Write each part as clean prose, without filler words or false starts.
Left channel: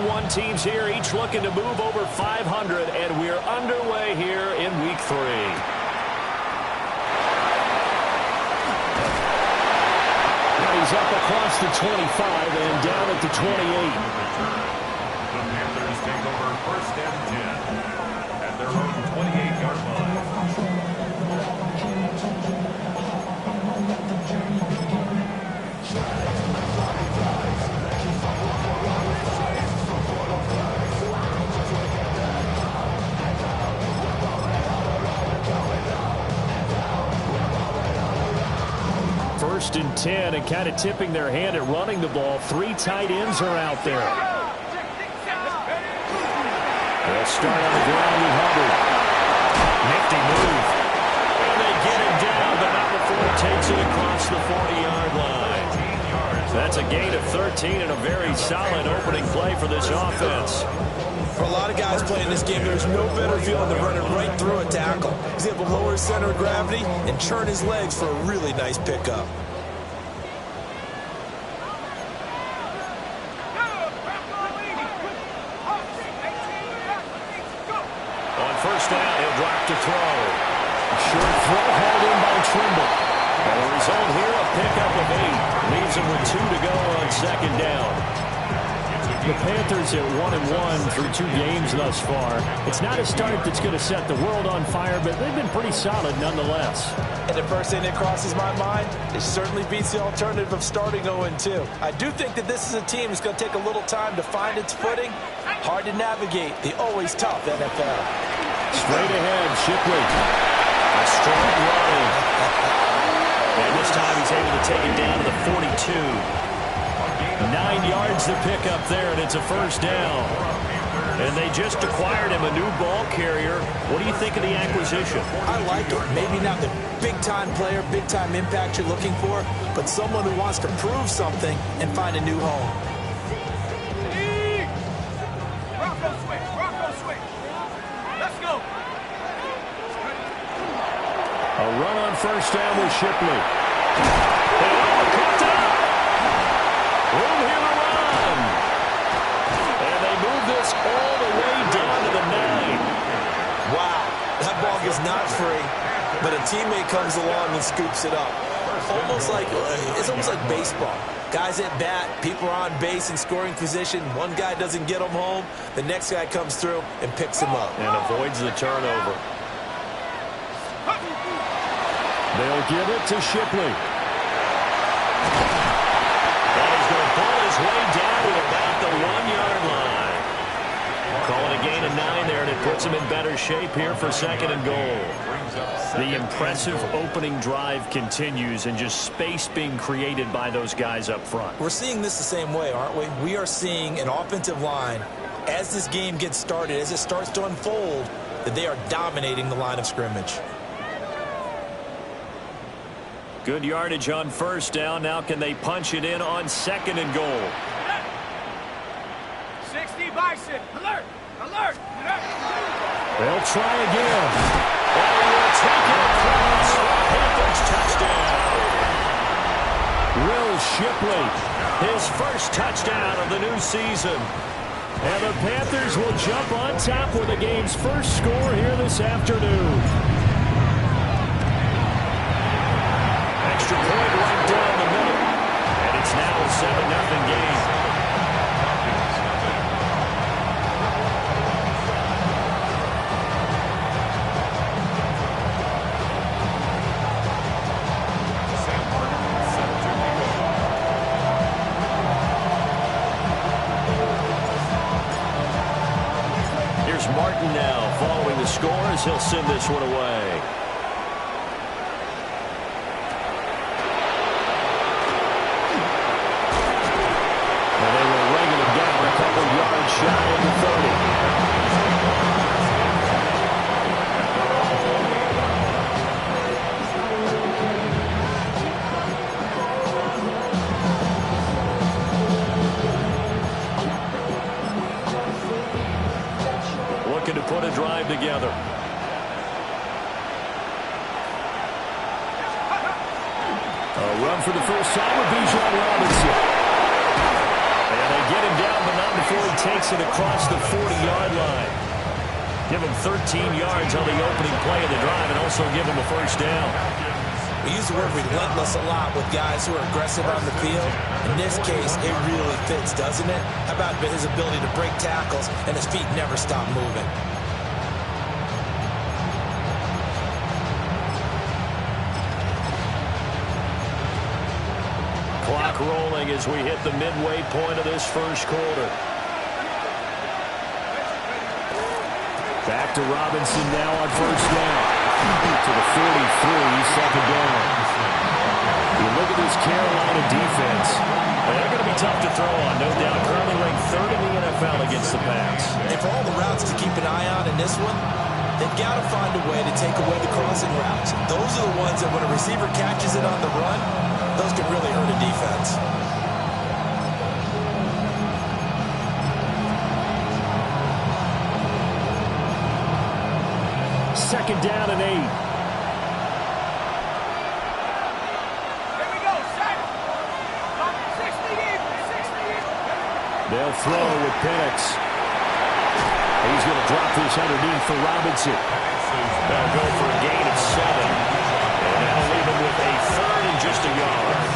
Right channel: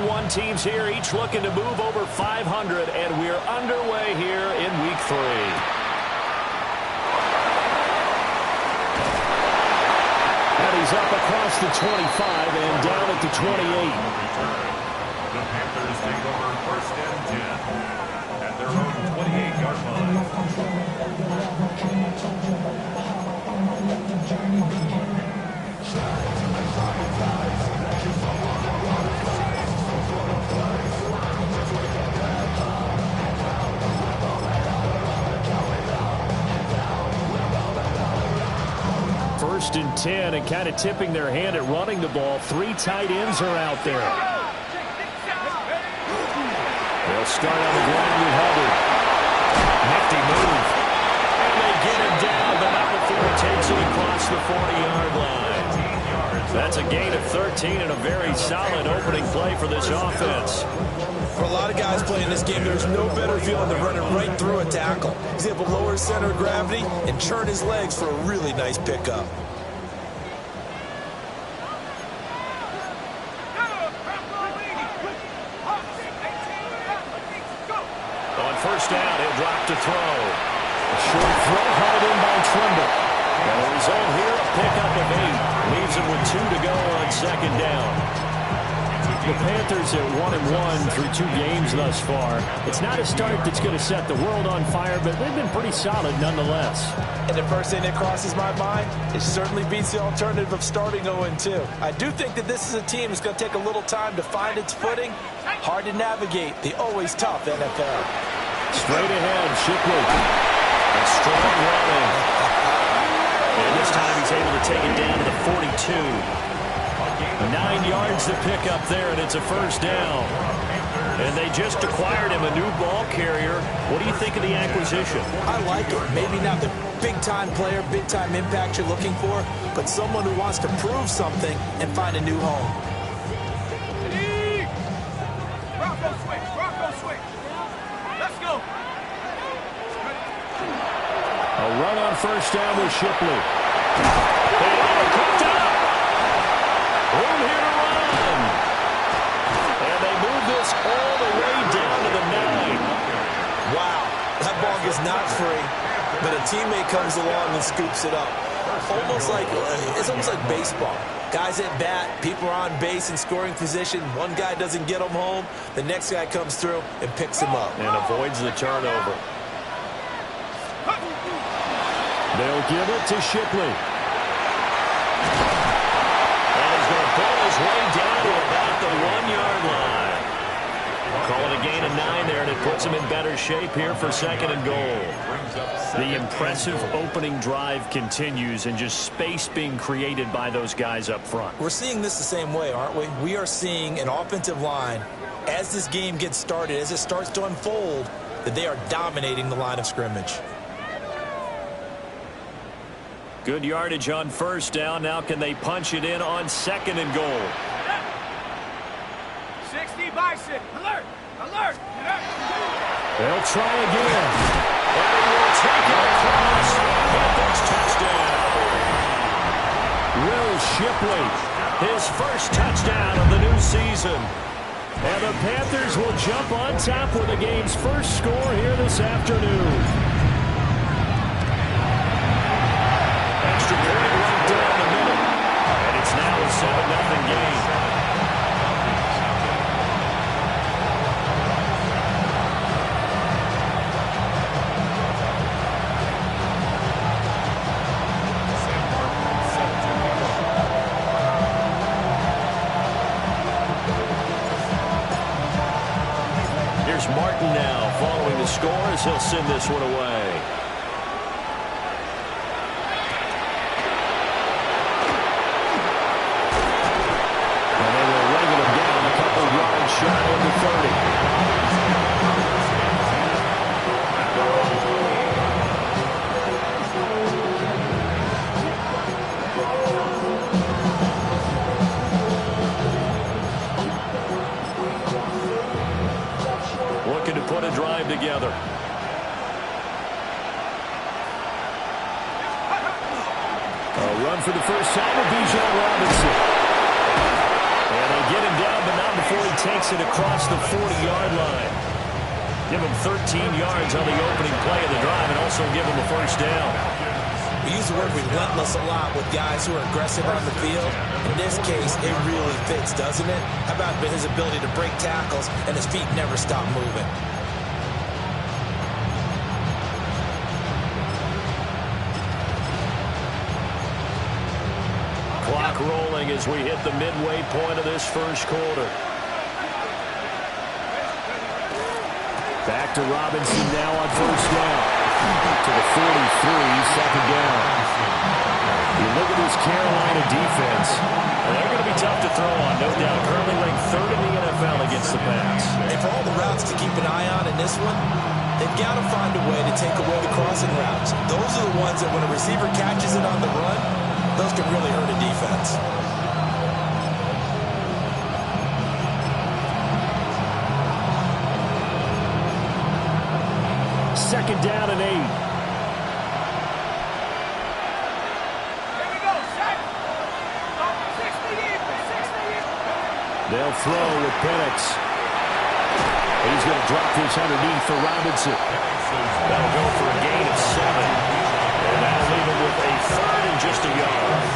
1-1 teams here, each looking to move over 500, and we're underway here in Week 3. And he's up across the 25 and down at the 28. The Panthers take over 1st and 10 at their own 28-yard line. First and 10, and kind of tipping their hand at running the ball. 3 tight ends are out there. They'll start on the ground with Hubbard. Nifty move. And they get him down, but not before he takes it across the 40-yard line. That's a gain of 13 and a very solid opening play for this offense. For a lot of guys playing this game, there's no better feeling than running right through a tackle. He's able to lower his center of gravity and churn his legs for a really nice pickup. On first down, he'll drop to throw. A short throw hauled in by Trimble. And the result here, a pickup of 8. Leaves him with 2 to go on second down. The Panthers at 1-1 through 2 games thus far. It's not a start that's going to set the world on fire, but they've been pretty solid nonetheless. And the first thing that crosses my mind, it certainly beats the alternative of starting 0-2. I do think that this is a team that's going to take a little time to find its footing. Hard to navigate the always tough NFL. Straight ahead, Shipley. A strong running. And this time he's able to take it down to the 42. 9 yards to pick up there, and it's a first down. And they just acquired him a new ball carrier. What do you think of the acquisition? I like it. Maybe not the big-time player, big-time impact you're looking for, but someone who wants to prove something and find a new home. Bronco switch. Let's go. A run on first down with Shipley. And caught up. Room here to run. And they move this all the way down to the 9. Wow, that ball is not free, but a teammate comes along and scoops it up. It's almost like baseball. Guys at bat, people are on base in scoring position. One guy doesn't get him home. The next guy comes through and picks him up. And avoids the turnover. They'll give it to Shipley. And he's going to pull his way down to about the 1-yard line. Call it a gain of 9 there, and it puts him in better shape here for second and goal. The impressive opening drive continues, and just space being created by those guys up front. We're seeing this the same way, aren't we? We are seeing an offensive line, as this game gets started, as it starts to unfold, that they are dominating the line of scrimmage. Good yardage on first down. Now can they punch it in on second and goal? 60 Bison. Alert. They'll try again. And he will take it across. Panthers touchdown. Will Shipley, his first touchdown of the new season. And the Panthers will jump on top with the game's first score here this afternoon. Extra point right down the middle. And it's now a 7-0 game. Here's Martin now following the score as he'll send this one away. And they will wrangle him down a couple yards shy of the 30. Looking to put a drive together. A run for the first time with Bijan Robinson. And they They get him down, but not before he takes it across the 40-yard line. Give him 13 yards on the opening play of the drive and also give him a first down. We use the word relentless a lot with guys who are aggressive on the field. In this case, it really fits, doesn't it? How about his ability to break tackles and his feet never stop moving? Clock rolling as we hit the midway point of this first quarter. Back to Robinson now on first down. To the 43, second down. You look at this Carolina defense. They're going to be tough to throw on, no doubt. Currently ranked third in the NFL against the pass. And for all the routes to keep an eye on in this one, they've got to find a way to take away the crossing routes. Those are the ones that when a receiver catches it on the run, those can really hurt a defense. Second down and 8. Here we go, set. 60 even, 60 even. They'll throw with Penix. He's going to drop this underneath for Robinson. That'll go for a gain of 7. And that'll leave him with a third and just a yard.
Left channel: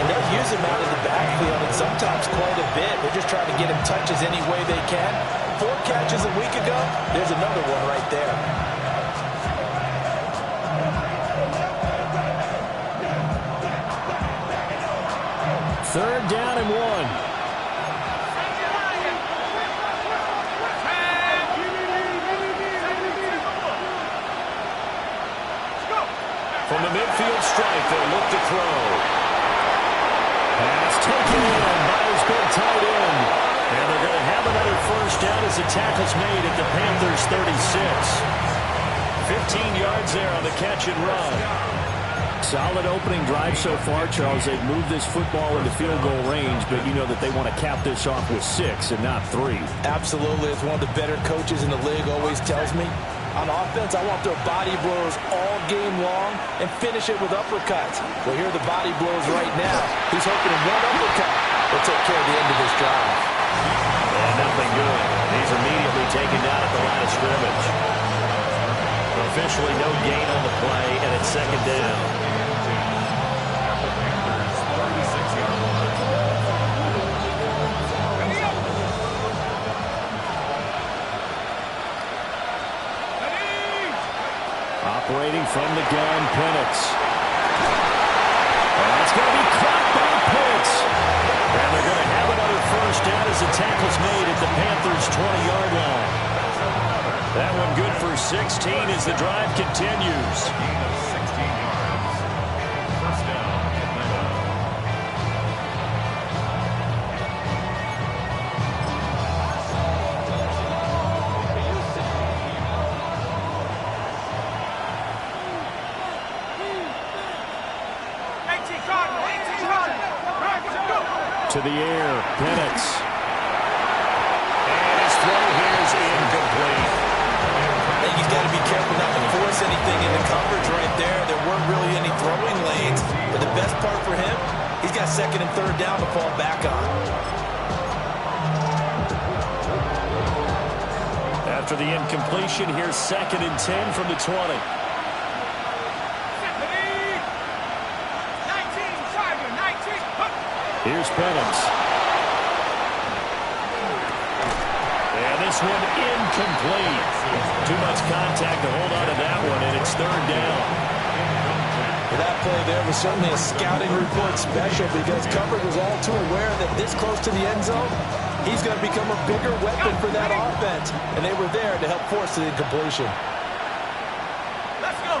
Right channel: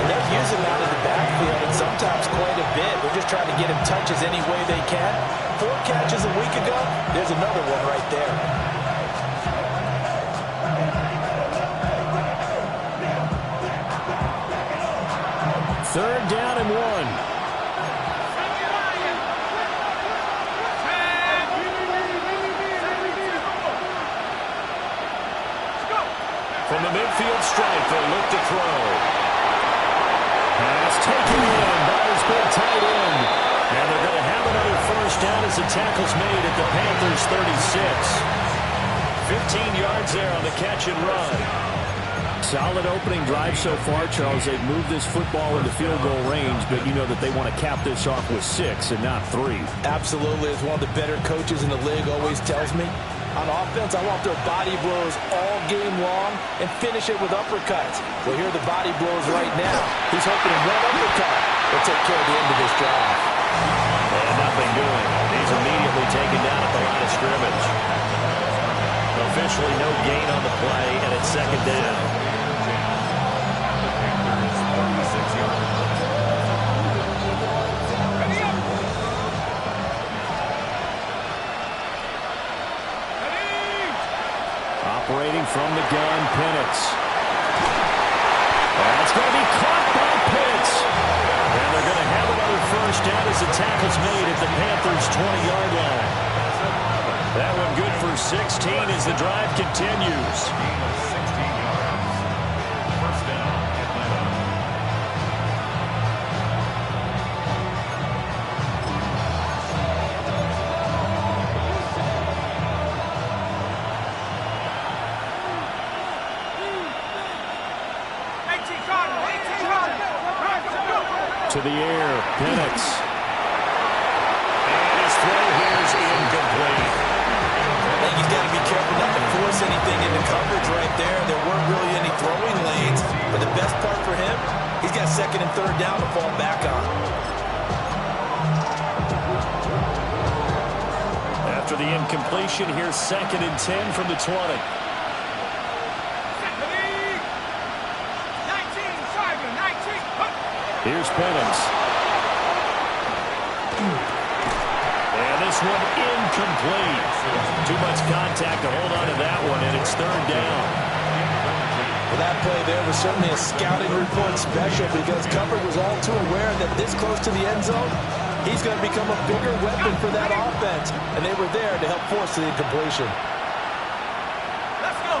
And they'll use him out of the backfield and sometimes quite a bit. They're just trying to get him touches any way they can. 4 catches a week ago, there's another one right there. Third down and 1. From the midfield stripe, they'll look to throw. Pass taken in by his big tight end. And they're going to have another first down as the tackle's made at the Panthers' 36. 15 yards there on the catch and run. Solid opening drive so far, Charles. They've moved this football into field goal range, but you know that they want to cap this off with 6 and not 3. Absolutely. As one of the better coaches in the league always tells me, on offense, I want to throw body blows all game long and finish it with uppercuts. Well, here are the body blows right now. He's hoping one uppercut will take care of the end of this drive. And nothing doing. He's immediately taken down at the line of scrimmage. Officially no gain on the play, and it's second down. At the Panthers' 36-yard line. Operating from the gun, Penix. That's going to be caught by Pitts. And they're going to have another first down as the tackle's made at the Panthers' 20-yard line. That one good for 16 as the drive continues. Gain of 16 yards. First down, Atlanta. To the air, Penix. And his throw here is incomplete. I think he's got to be careful not to force anything into coverage right there. There weren't really any throwing lanes. But the best part for him, he's got second and third down to fall back on. After the incompletion, here's second and 10 from the 20. Here's Penix. And this one incomplete. Too much contact to hold on to that one, and it's third down. Well, that play there was certainly a scouting report special because coverage was all too aware that this close to the end zone, he's going to become a bigger weapon for that offense. And they were there to help force the incompletion. Let's go.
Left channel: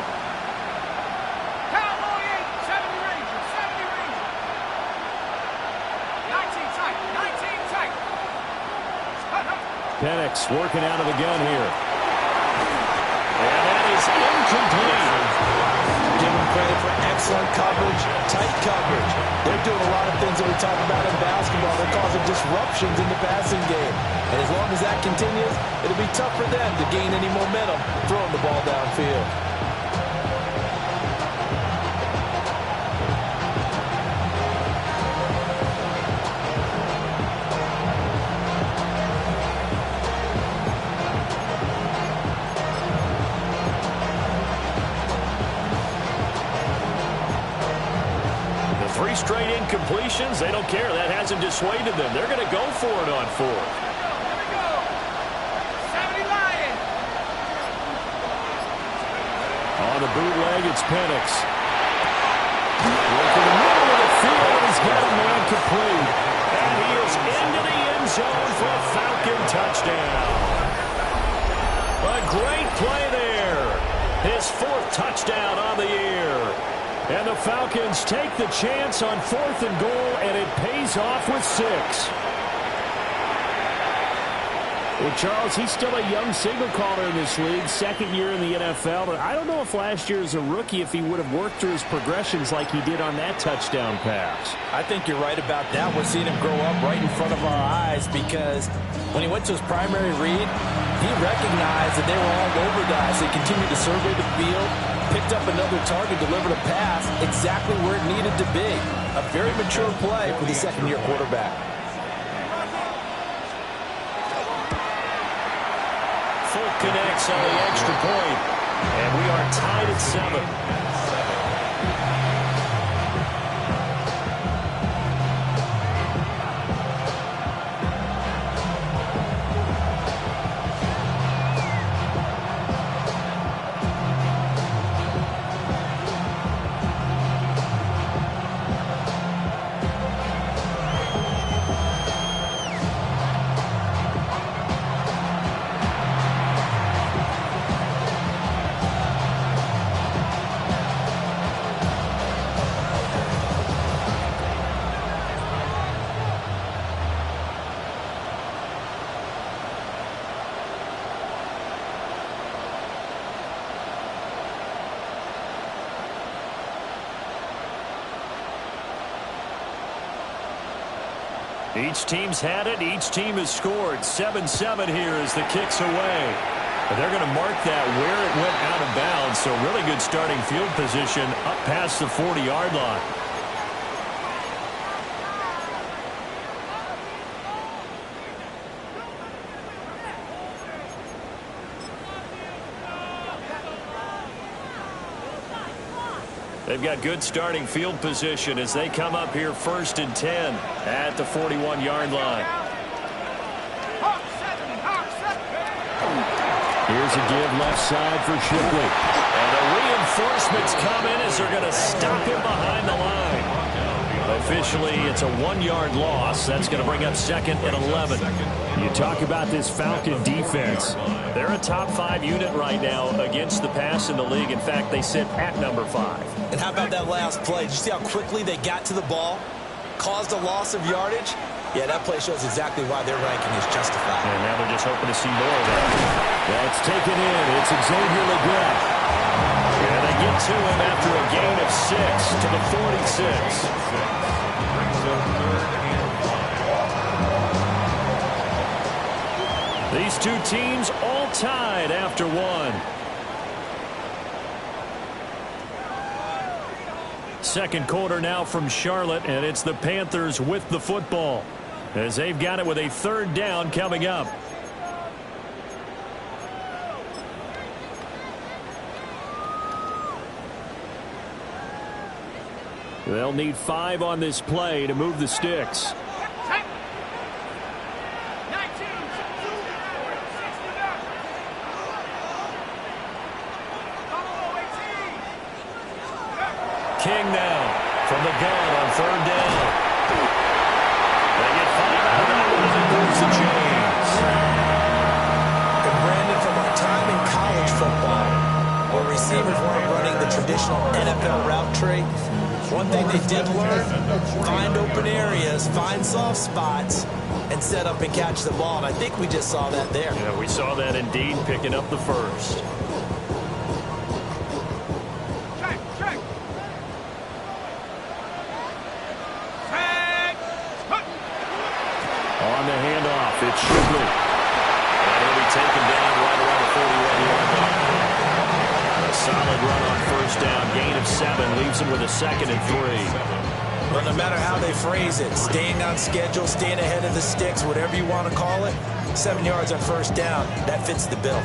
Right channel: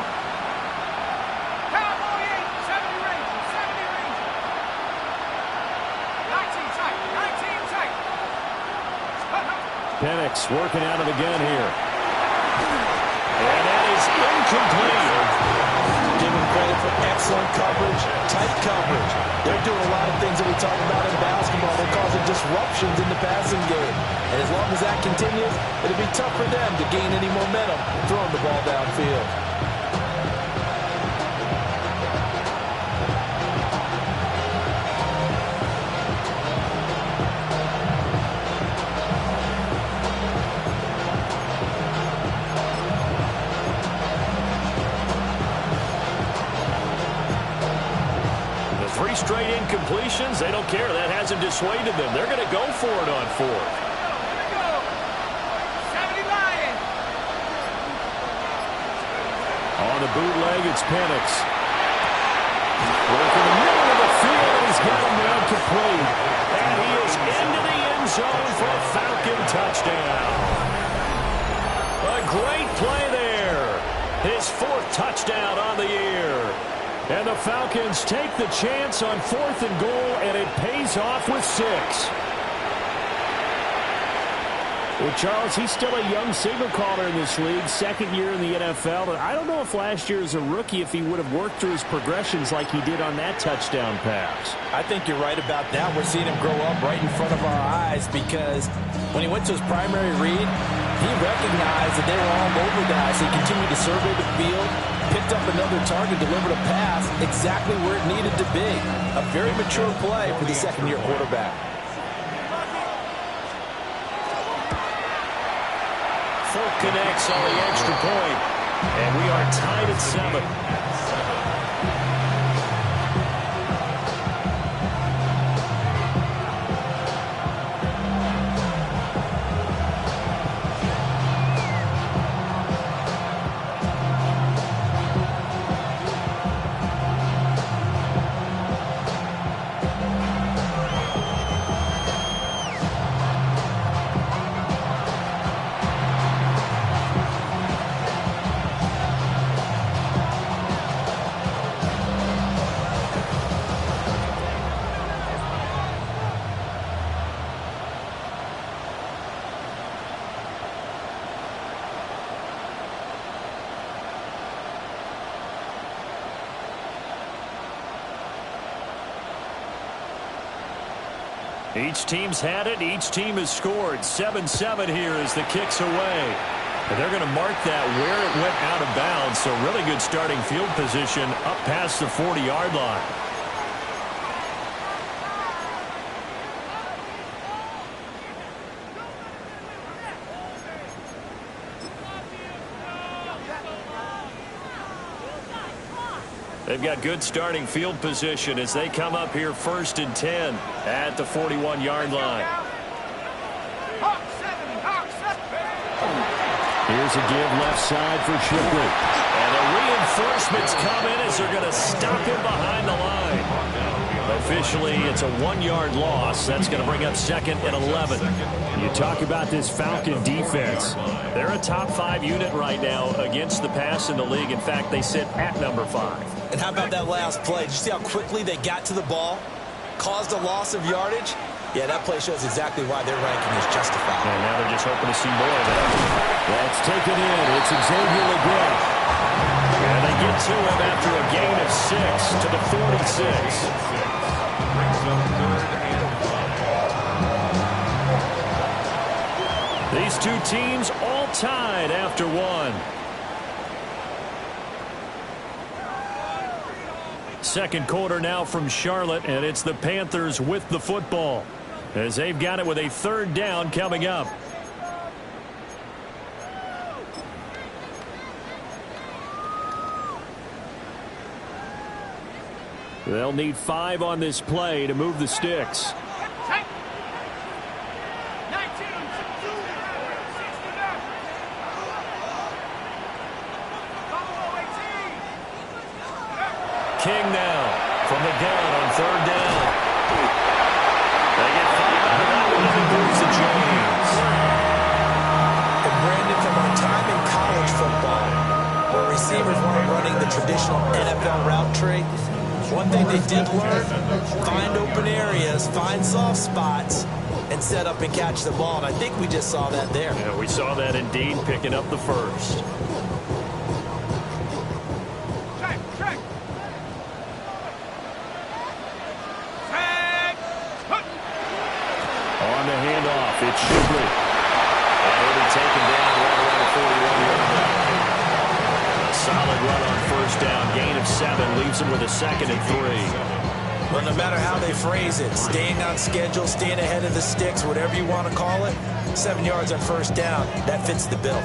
Cowboy 8, 70 Rangers, 70 Rangers. 19 tight, 19 tight. Penix working out of the gun here. And that is incomplete. Give them credit for excellent coverage, tight coverage. They're doing a lot of things that we talk about in basketball. They're causing disruptions in the passing game. And as long as that continues, it'll be tough for them to gain any momentum throwing the ball downfield. straight incompletions. They don't care. That hasn't dissuaded them. They're going to go for it on fourth. Here we go. 70 Lions. On the bootleg, it's Penix. Working the middle of the field, and he's got a man complete. And he is into the end zone for a Falcon touchdown. A great play there. His fourth touchdown on the year. And the Falcons take the chance on 4th and goal, and it pays off with 6. Well, Charles, he's still a young signal caller in this league, second year in the NFL. But I don't know if last year as a rookie, if he would have worked through his progressions like he did on that touchdown pass. I think you're right about that. We're seeing him grow up right in front of our eyes because when he went to his primary read, he recognized that they were all over that. So he continued to survey the field, picked up another target, delivered a pass exactly where it needed to be. A very mature play for the second-year quarterback. Full connects on the extra point, and we are tied at 7. Each team's had it. Each team has scored. 7-7 here as the kick's away. And they're going to mark that where it went out of bounds. So really good starting field position up past the 40-yard line. They've got good starting field position as they come up here 1st and 10 at the 41-yard line. Here's a give left side for Shipley. And the reinforcements come in as they're going to stop him behind the line. Officially, it's a 1-yard loss. That's going to bring up 2nd and 11. You talk about this Falcon defense. They're a top 5 unit right now against the pass in the league. In fact, they sit at number 5. And how about that last play? Did you see how quickly they got to the ball? Caused a loss of yardage? Yeah, that play shows exactly why their ranking is justified. And now they're just hoping to see more of that. That's taken in. It's Xavier Legette. And they get to him after a gain of 6 to the 46. Brings up 3rd and 5. These two teams all tied after 1. Second quarter now from Charlotte, and it's the Panthers with the football as they've got it with a 3rd down coming up. They'll need 5 on this play to move the sticks. King now from the gun on 3rd down. They get 5 out of that one, and it moves the chains. And Brandon, from our time in college football, where receivers weren't running the traditional NFL route tree, one thing they did learn, find open areas, find soft spots, and set up and catch the ball. And I think we just saw that there. Yeah, we saw that indeed, picking up the first. On the handoff, it's Shipley. And he'll be taken down right around the 41-yard line. A solid run on 1st down. Gain of 7 leaves him with a 2nd and 3. Well, no matter how they phrase it, staying on schedule, staying ahead of the sticks, whatever you want to call it, 7 yards on 1st down, that fits the bill.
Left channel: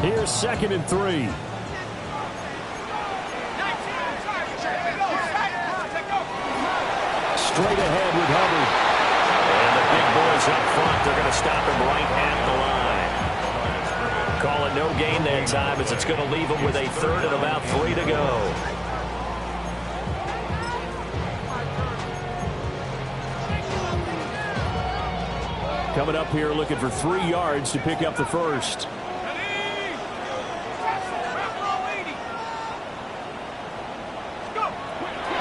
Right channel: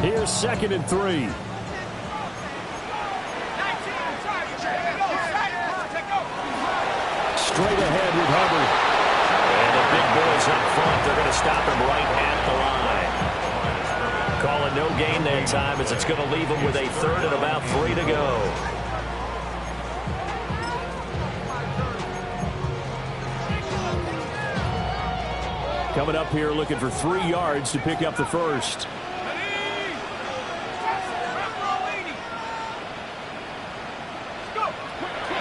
Here's 2nd and 3. straight ahead with Hubbard. And the big boys up front, they're going to stop him right at the line. Call it no gain that time as it's going to leave him with a third and about 3 to go. Coming up here looking for 3 yards to pick up the first.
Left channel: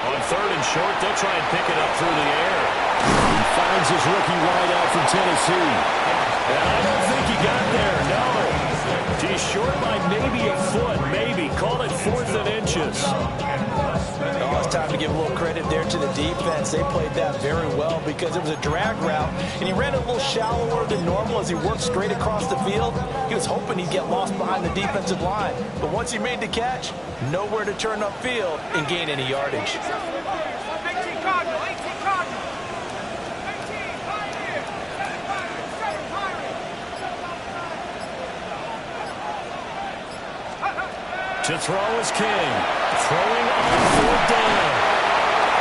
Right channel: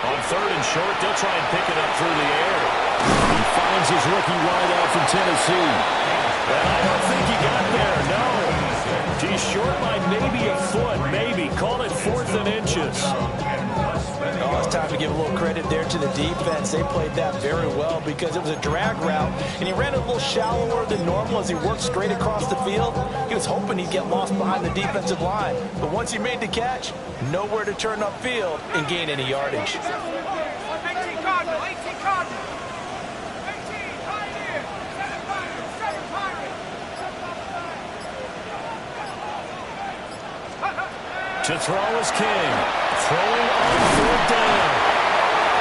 On third and short, they'll try and pick it up through the air. He finds his rookie wideout from Tennessee. And I don't think he got there, no. He's short by maybe a foot, maybe. Call it 4th and inches. Oh, it's time to give a little credit there to the defense. They played that very well because it was a drag route, and he ran a little shallower than normal as he worked straight across the field. He was hoping he'd get lost behind the defensive line, but once he made the catch, nowhere to turn upfield and gain any yardage. 18 Cardinal, 18 Cardinal. 18 Pioneer, 7 Pirates, 7 Pirates. To throw is King. Throwing on 4th down.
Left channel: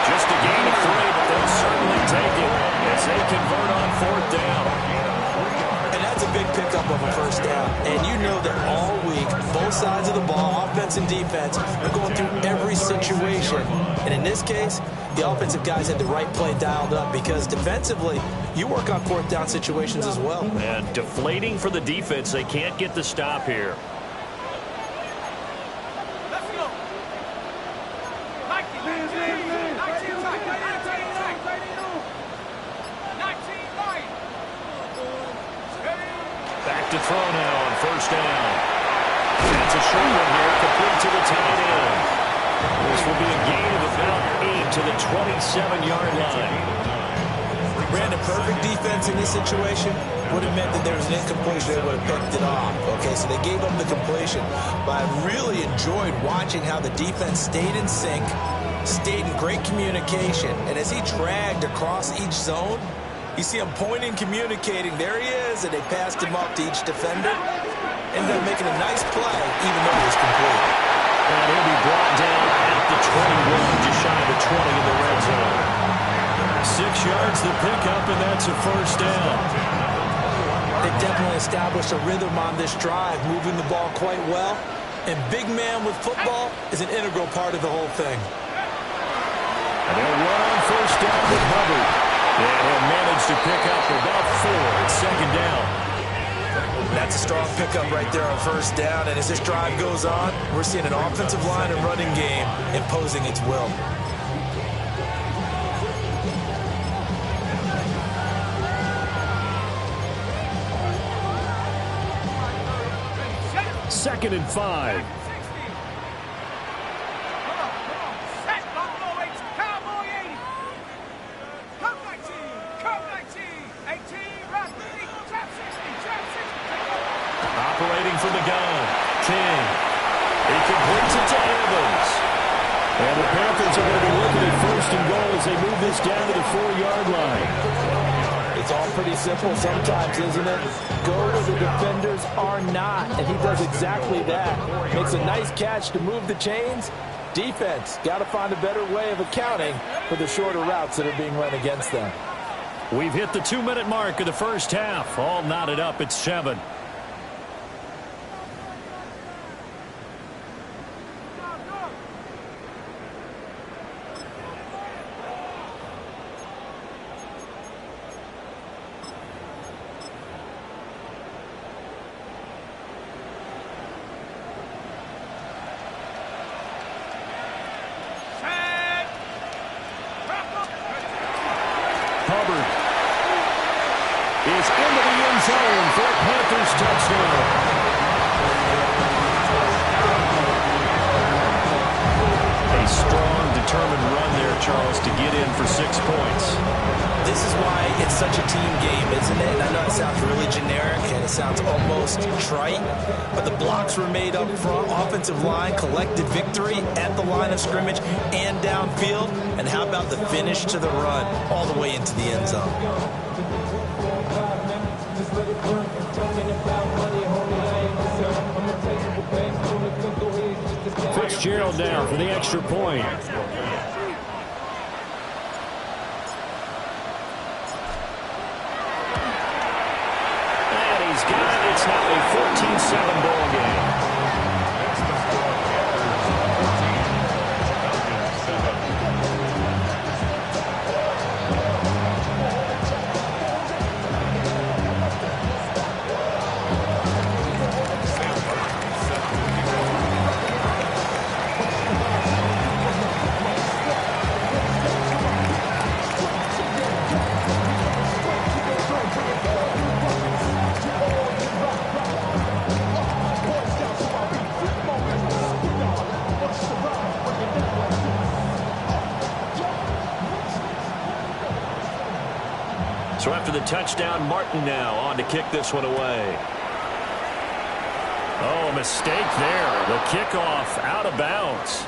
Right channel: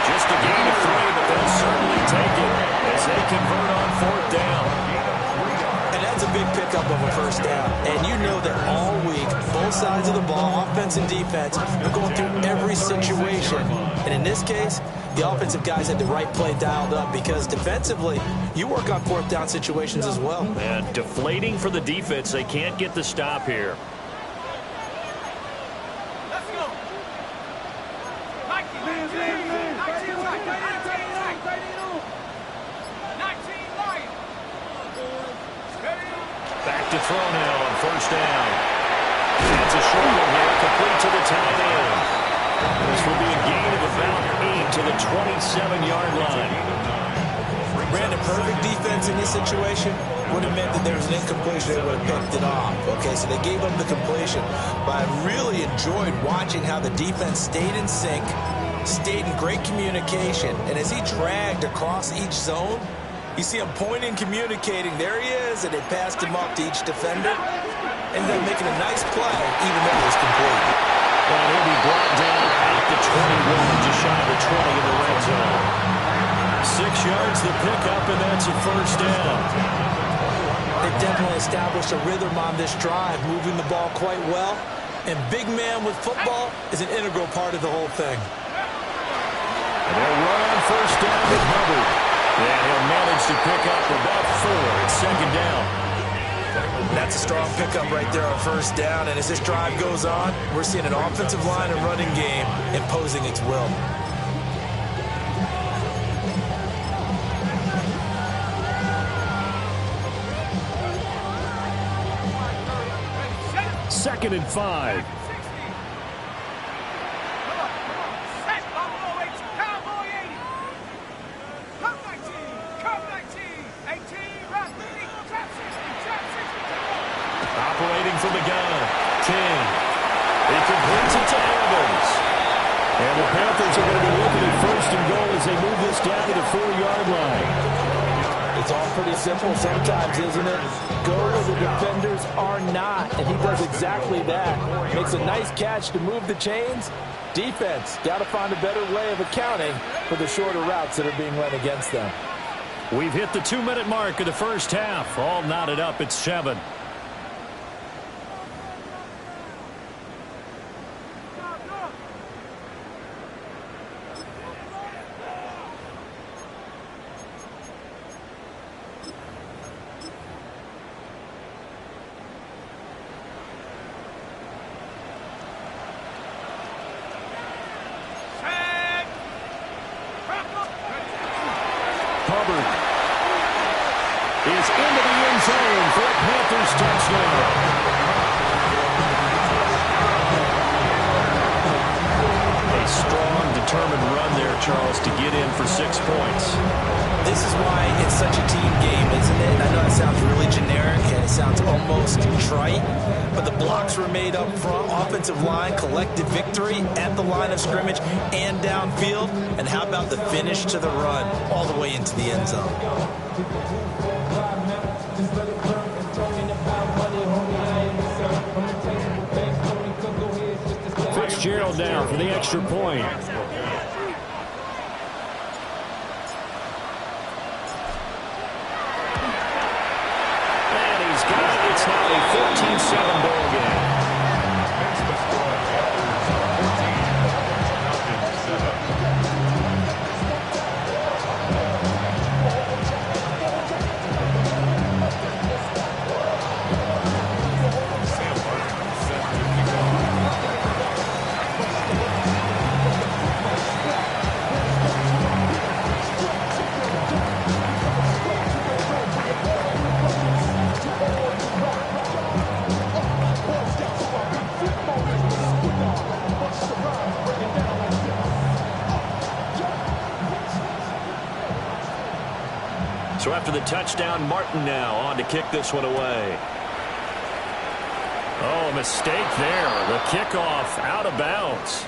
Just a gain of 3, but they'll certainly take it as they convert on 4th down. And that's a big pickup of a first down. And you know that all week, both sides of the ball, offense and defense, are going through every situation. And in this case, the offensive guys had the right play dialed up because defensively, you work on 4th down situations as well. And deflating for the defense. They can't get the stop here. Let's go. 19 Lions. 19 Lions. Back to throw now on 1st down. That's a short one here, complete to the tight end. This will be a gain of about 8 to the 27-yard line. Brandon, perfect defense in this situation would have meant that there was an incompletion. They would have picked it off. Okay, so they gave up the completion. But I really enjoyed watching how the defense stayed in sync, stayed in great communication. And as he dragged across each zone, you see him pointing, communicating. There he is, and they passed him up to each defender. Ended up making a nice play, even though it was complete. And he'll be brought down at the 21, just shy of the 20 in the red zone. 6 yards the pickup, and that's a first down. They definitely established a rhythm on this drive, moving the ball quite well. And big man with football is an integral part of the whole thing. And they'll run on 1st down with Hubbard. And he'll manage to pick up about 4 at 2nd down. That's a strong pickup right there on 1st down. And as this drive goes on, we're seeing an offensive line and running game imposing its will. Second and 5. Set, Buffalo 80, Cowboy 80. Come 19, come 19. 18, Rock 30, trap 60, trap 60. Take over. Operating from the gun, King. He completes it to Evans. And the Panthers are going to be looking at 1st and goal as they move this down to the 4-yard line. It's all pretty simple sometimes, isn't it? Go where the defenders are not, and he does exactly that. Makes a nice catch to move the chains. Defense, got to find a better way of accounting for the shorter routes that are being run against them. We've hit the 2-minute mark of the first half. All knotted up at 7. Hubbard is into the end zone for a Panthers touchdown. A strong, determined run there, Charles, to get in for 6 points. This is why it's such a team game, isn't it? And I know it sounds really generic and it sounds almost trite, but the blocks were made up front, offensive line, collective victory at the line of scrimmage and downfield. And how about the finish to the run all the way into the end zone? Fitzgerald down for the extra point. And he's got it. It's now a 14-7 ball game. That's the score. Panthers 14, Falcons 7. Sam Martin set to kick off. So after the touchdown, Martin now on to kick this one away. Oh, a mistake there. The kickoff out of bounds.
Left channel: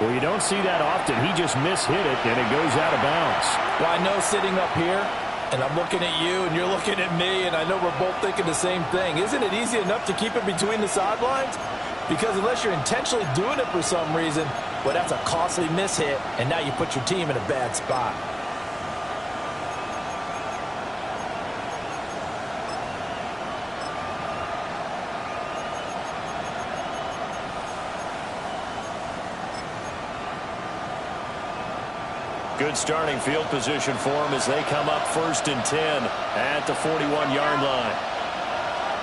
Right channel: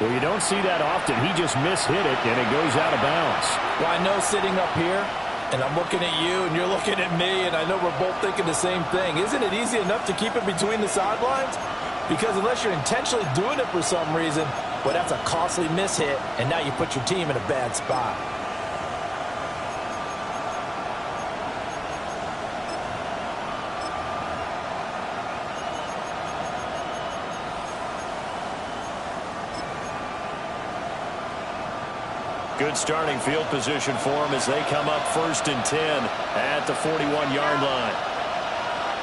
Well, you don't see that often. He just mishit it, and it goes out of bounds. Well, I know sitting up here, and I'm looking at you, and you're looking at me, and I know we're both thinking the same thing. Isn't it easy enough to keep it between the sidelines? Because unless you're intentionally doing it for some reason, well, that's a costly mishit, and now you put your team in a bad spot. Good starting field position for them as they come up 1st and 10 at the 41-yard line.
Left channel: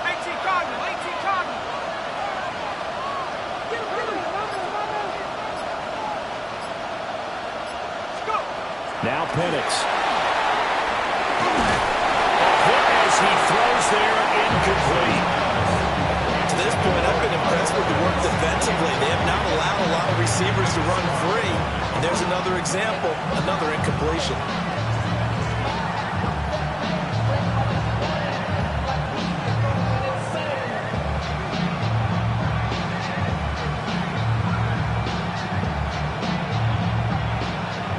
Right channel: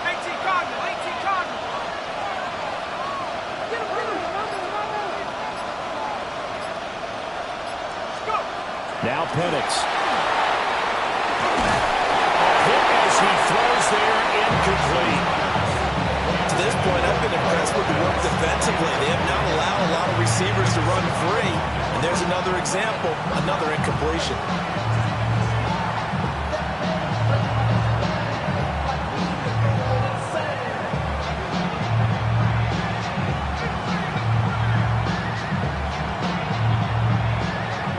18 Cardinal, 18 Cardinal. Get him, get him. Let's go. Now Penix. A hit as he throws there, incomplete. To this point, I've been impressed with the work defensively. They have not allowed a lot of receivers to run free. And there's another example, another incompletion.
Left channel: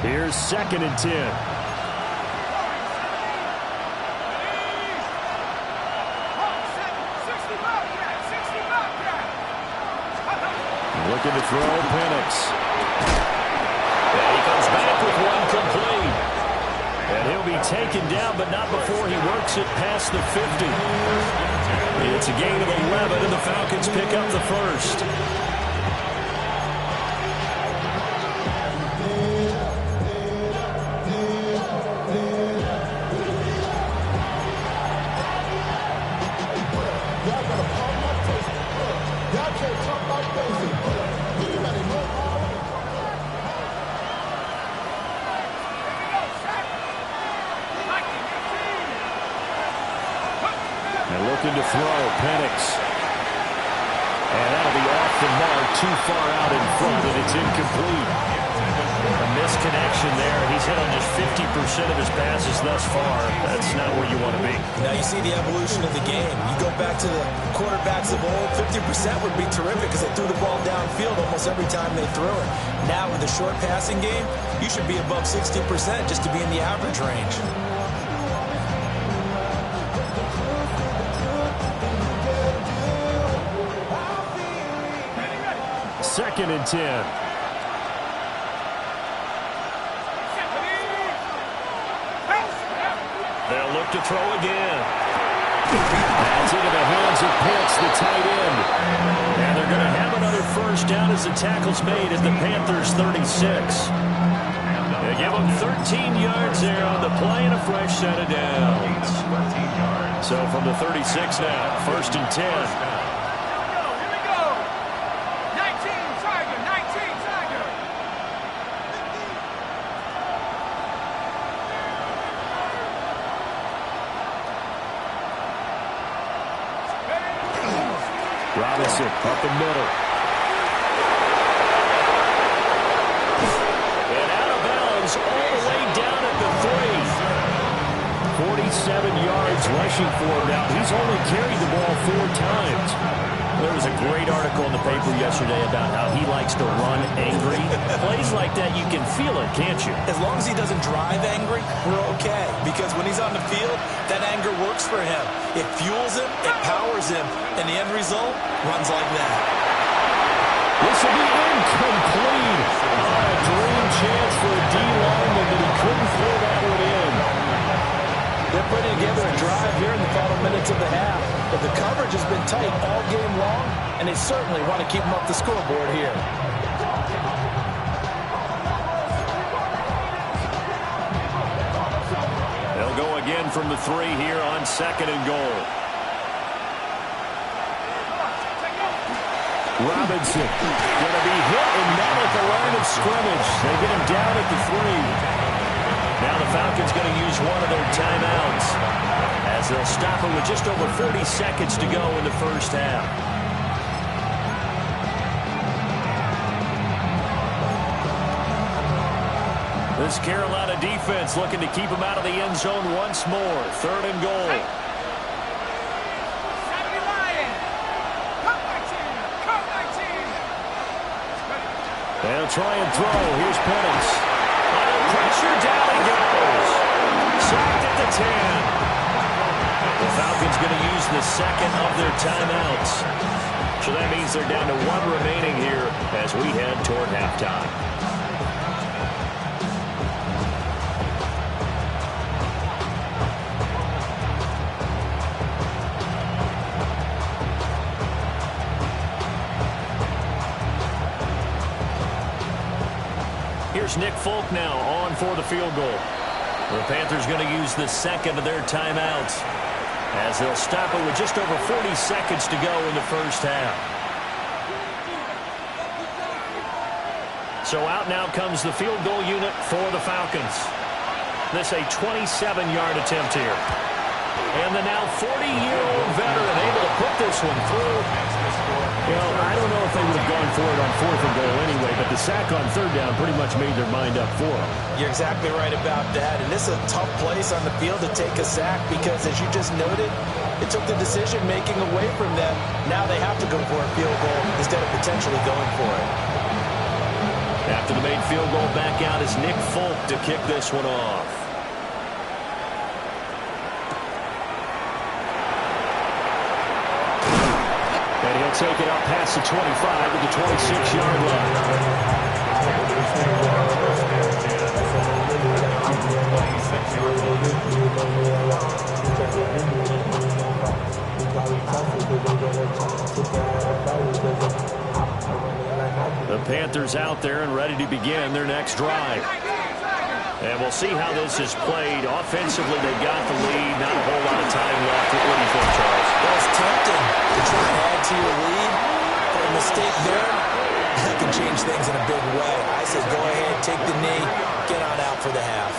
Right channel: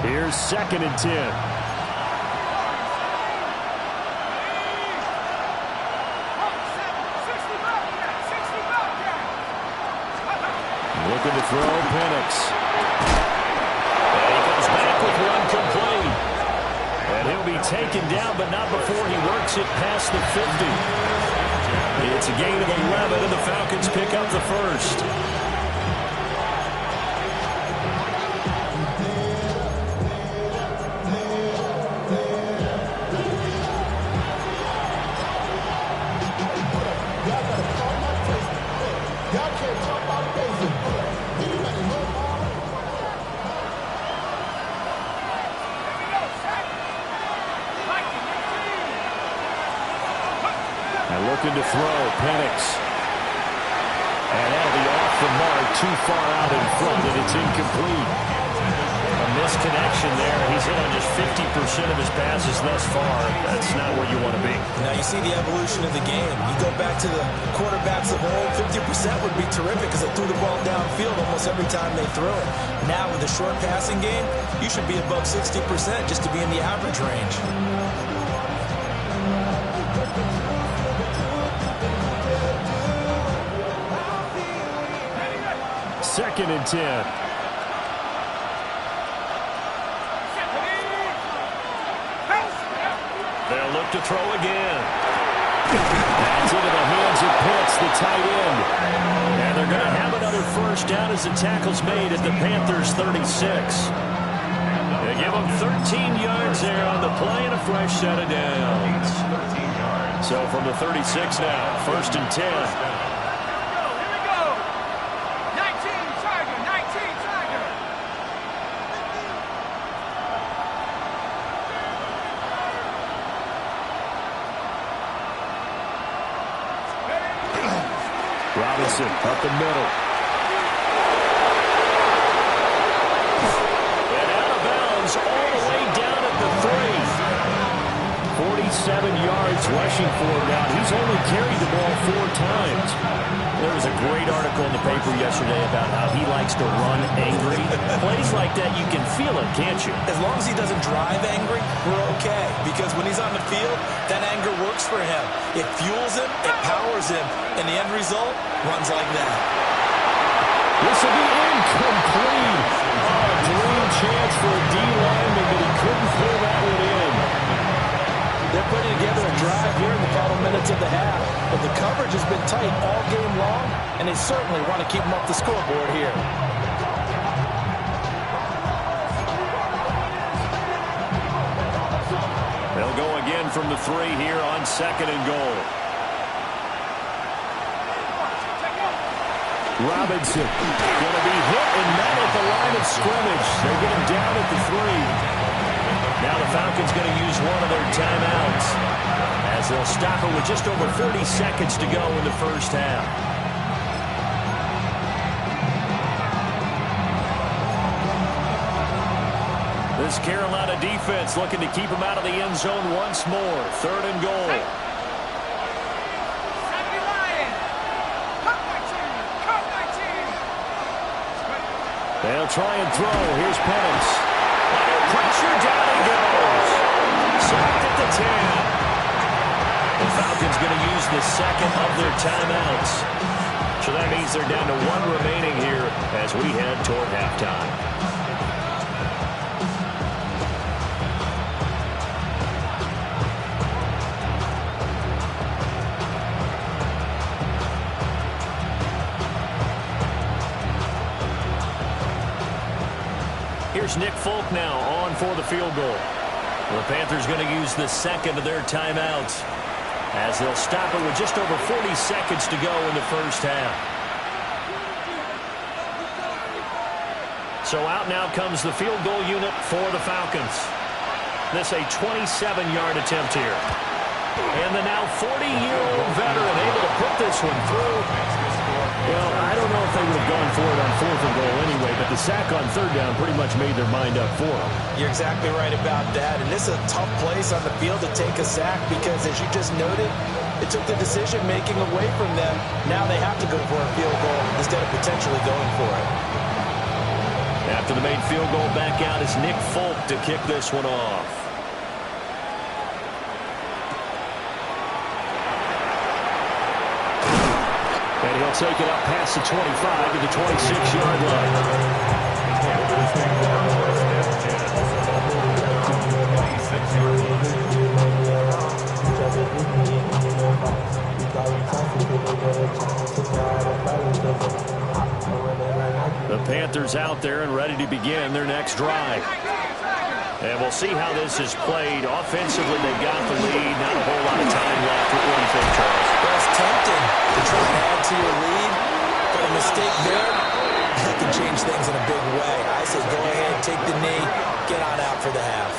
Here's 2nd and 10. Looking to throw, Penix. And he comes back with one complete. And he'll be taken down, but not before he works it past the 50. It's a gain of 11, and the Falcons pick up the first. And looking to throw, Penix. And that'll be off the mark, too far out in front, and it's incomplete. A misconnection there. He's hit on just 50% of his passes thus far. That's not where you want to be. Now you see the evolution of the game. You go back to the quarterbacks of old, 50% would be terrific because they threw the ball downfield almost every time they threw it. Now with the short passing game, you should be above 60% just to be in the average range. Second and 10. They'll look to throw again. That's into the hands of Pitts, the tight end. And they're going to have another first down as the tackle's made at the Panthers' 36. They give them 13 yards there on the play and a fresh set of downs. So from the 36 now, 1st and 10. Robinson up the middle. And out of bounds all the way down at the 3. 47 yards rushing for him now. He's only carried the ball 4 times. There was a great article in the paper yesterday about how he likes to run angry. Plays like that, you can feel it, can't you? As long as he doesn't drive angry, we're okay. Because when he's on the field, that anger works for him. It fuels him, it powers him, and the end result runs like that. This will be incomplete. Oh, a dream chance for a D lineman, but he couldn't pull that one in. They're putting together a drive here in the final minute minutes of the half. But the coverage has been tight all game long, and they certainly want to keep them up the scoreboard here. They'll go again from the 3 here on 2nd and goal. Robinson going to be hit and met at the line of scrimmage. They get him down at the 3. Now the Falcons going to use one of their timeouts as they'll stop it with just over 40 seconds to go in the first half. This Carolina defense looking to keep them out of the end zone once more. 3rd and goal. They'll try and throw. Here's Penance. Under pressure, down he goes. Sacked at the 10. The Falcons going to use the 2nd of their timeouts. So that means they're down to 1 remaining here as we head toward halftime. Here's Nick Folk now on for the field goal. The Panthers going to use the 2nd of their timeouts as they'll stop it with just over 40 seconds to go in the first half. So out now comes the field goal unit for the Falcons. This a 27-yard attempt here. And the now 40-year-old veteran able to put this one through. Well, I don't know if they would have gone for it on 4th and goal anyway, but the sack on 3rd down pretty much made their mind up for them. You're exactly right about that. And this is a tough place on the field to take a sack because, as you just noted, it took the decision-making away from them. Now they have to go for a field goal instead of potentially going for it. After the made field goal, back out is Nick Folk to kick this one off. And he'll take it up past the 25 to the 26-yard line. The Panthers out there and ready to begin their next drive. And we'll see how this is played. Offensively, they've got the lead. Not a whole lot of time left. What do you think, Charles? Well, it's tempting to try and add to your lead, but a mistake there, that can change things in a big way. I said go ahead, take the knee, get on out for the half.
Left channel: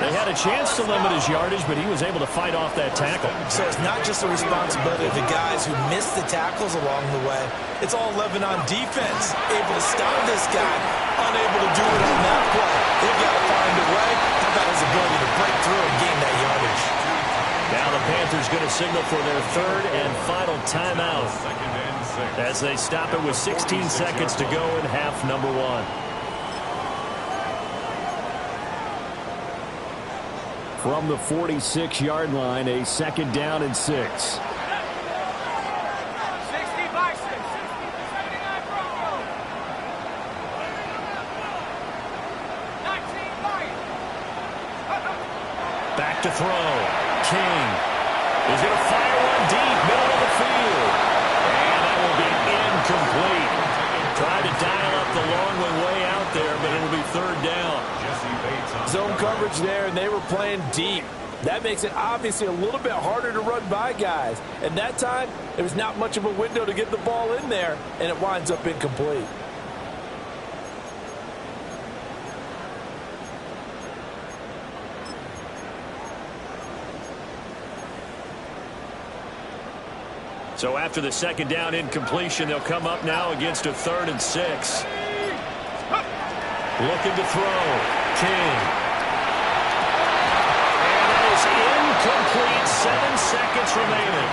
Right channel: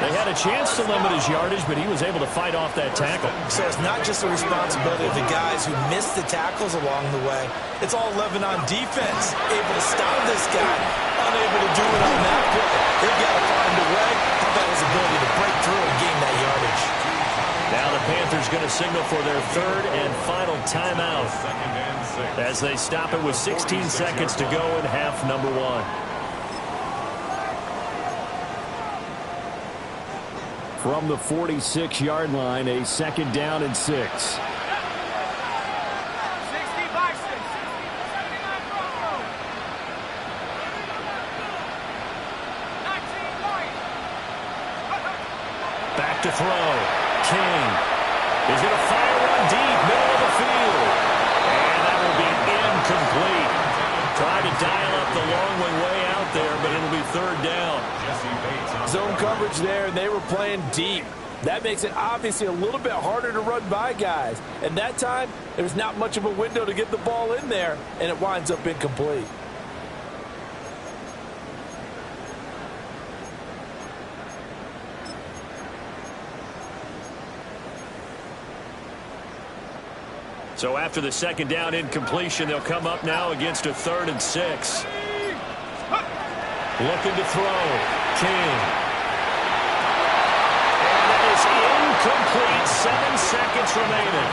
They had a chance to limit his yardage, but he was able to fight off that tackle. So it's not just the responsibility of the guys who missed the tackles along the way. It's all 11 on defense, able to stop this guy, unable to do it on that play. They've got to find a way. How about his ability to break through and gain that yardage? Now the Panthers going to signal for their 3rd and final timeout as they stop it with 16 seconds to go in half number 1. From the 46-yard line, a 2nd down and 6. 60 Bison, 60 for 79 Bronco. 19 Lions. Back to throw. King is going to fire one deep, middle of the field. And that will be incomplete. Tried to dial up the long way out there, but it'll be 3rd down. Zone coverage there, and they were playing deep. That makes it obviously a little bit harder to run by guys. And that time, there was not much of a window to get the ball in there, and it winds up incomplete. So after the 2nd down incompletion, they'll come up now against a 3rd and 6. Looking to throw. King. And that is incomplete. 7 seconds remaining.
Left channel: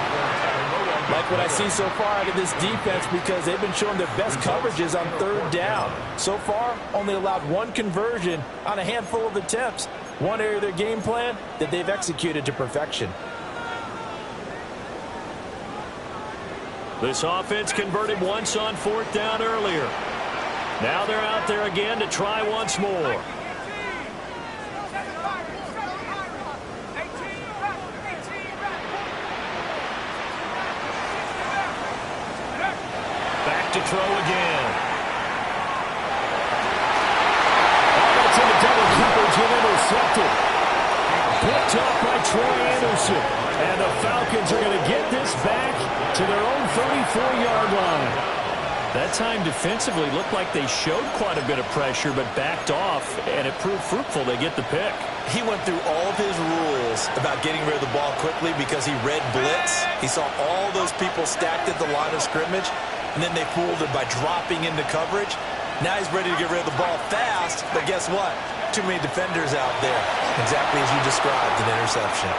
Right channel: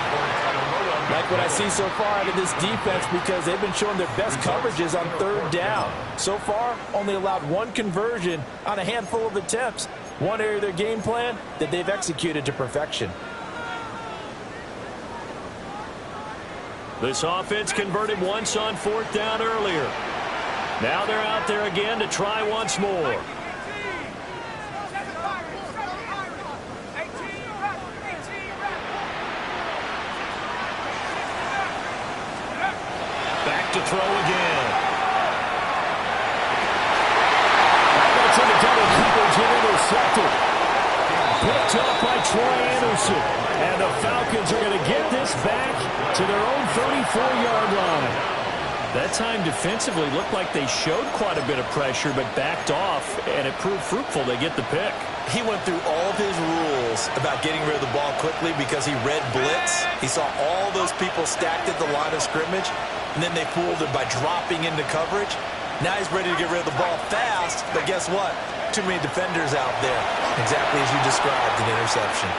Like what I see so far out of this defense, because they've been showing their best coverages on 3rd down. So far, only allowed 1 conversion on a handful of attempts. One area of their game plan that they've executed to perfection. This offense converted once on 4th down earlier. Now they're out there again to try once more. to throw again. That's into double coverage and intercepted. Picked up by Troy Anderson. And the Falcons are going to get this back to their own 34-yard line. That time defensively looked like they showed quite a bit of pressure but backed off, and it proved fruitful. They get the pick. He went through all of his rules about getting rid of the ball quickly because he read blitz. He saw all those people stacked at the line of scrimmage, and then they fooled him by dropping into coverage. Now he's ready to get rid of the ball fast, but guess what? Too many defenders out there. Exactly as you described, an interception.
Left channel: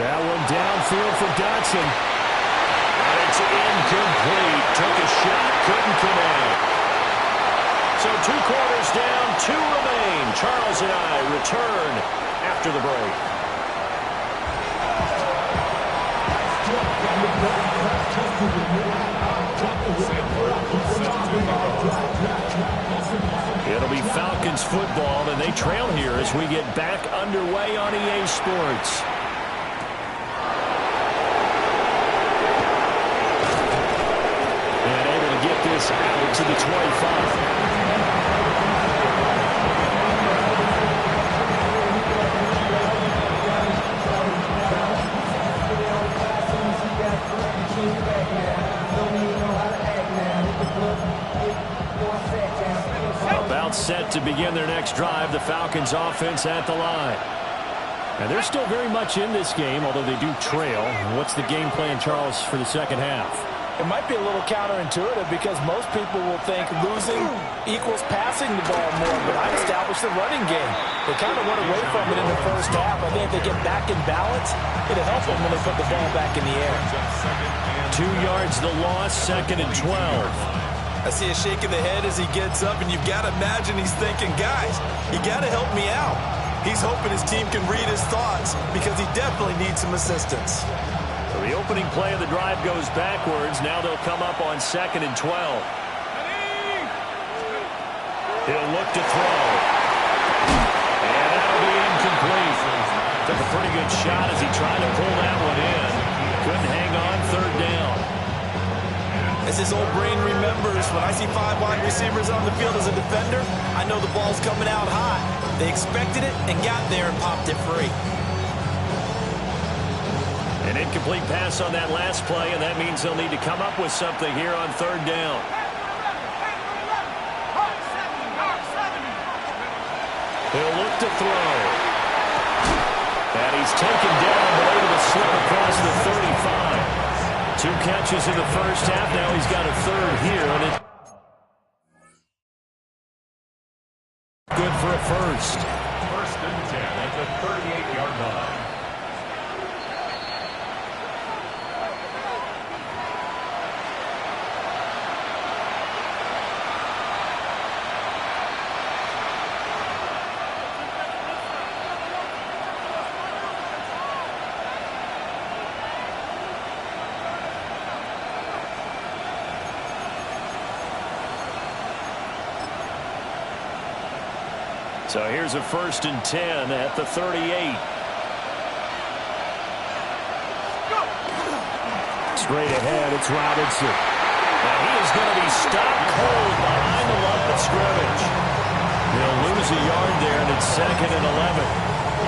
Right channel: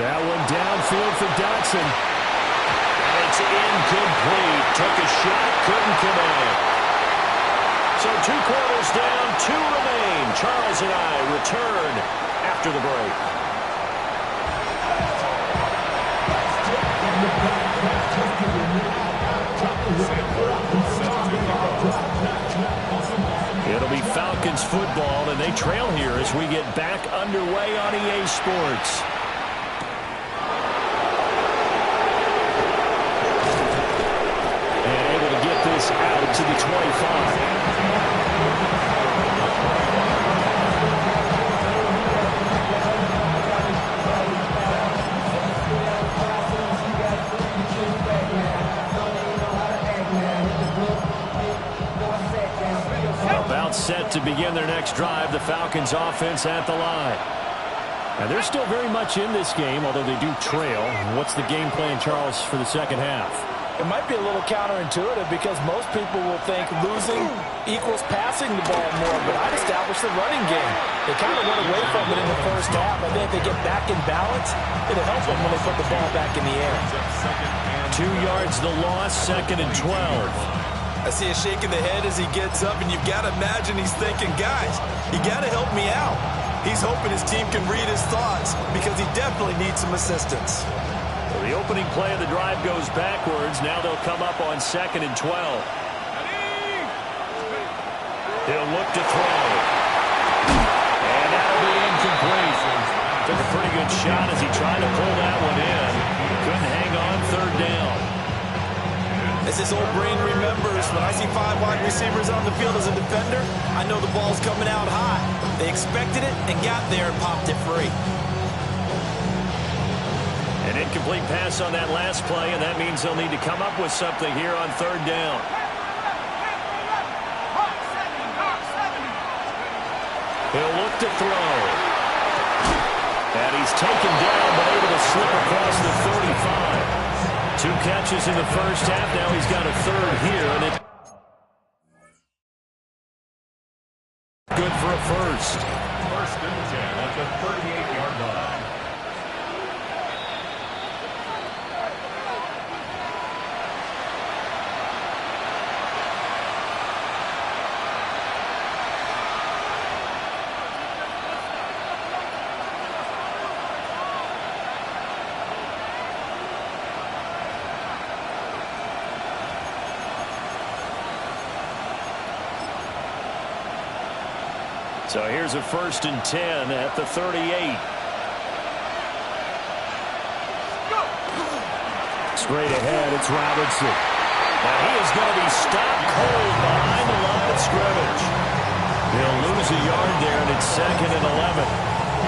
That one downfield for Dotson. And it's incomplete. Took a shot, couldn't connect. So 2 quarters down, 2 remain. Charles and I return after the break. It'll be Falcons football, and they trail here as we get back underway on EA Sports. And able to get this out to the 25. About set to begin their next drive, the Falcons offense at the line. And they're still very much in this game, although they do trail. What's the game plan, Charles, for the second half? It might be a little counterintuitive because most people will think losing equals passing the ball more, but I'd establish the running game. They kind of went away from it in the first half. I think if they get back in balance, it'll help them when they put the ball back in the air. 2 yards the loss, 2nd and 12. I see a shake of the head as he gets up, and you've got to imagine he's thinking, guys, you got to help me out. He's hoping his team can read his thoughts because he definitely needs some assistance. The opening play of the drive goes backwards. Now they'll come up on 2nd and 12. He'll look to throw. And that'll be incomplete. Took a pretty good shot as he tried to pull that one in. Couldn't hang on, 3rd down. As his old brain remembers, when I see 5 wide receivers on the field as a defender, I know the ball's coming out hot. They expected it and got there and popped it free. An incomplete pass on that last play, and that means they'll need to come up with something here on 3rd down. He'll look to throw. And he's taken down, but able to slip across the 35. 2 catches in the first half. Now he's got a 3rd here, and it's good for a first. 1st and 10 at the 38-yard line. So here's a 1st and 10 at the 38. Straight ahead, it's Robinson. And he is going to be stopped cold behind the line of scrimmage. He'll lose a yard there, and it's 2nd and 11.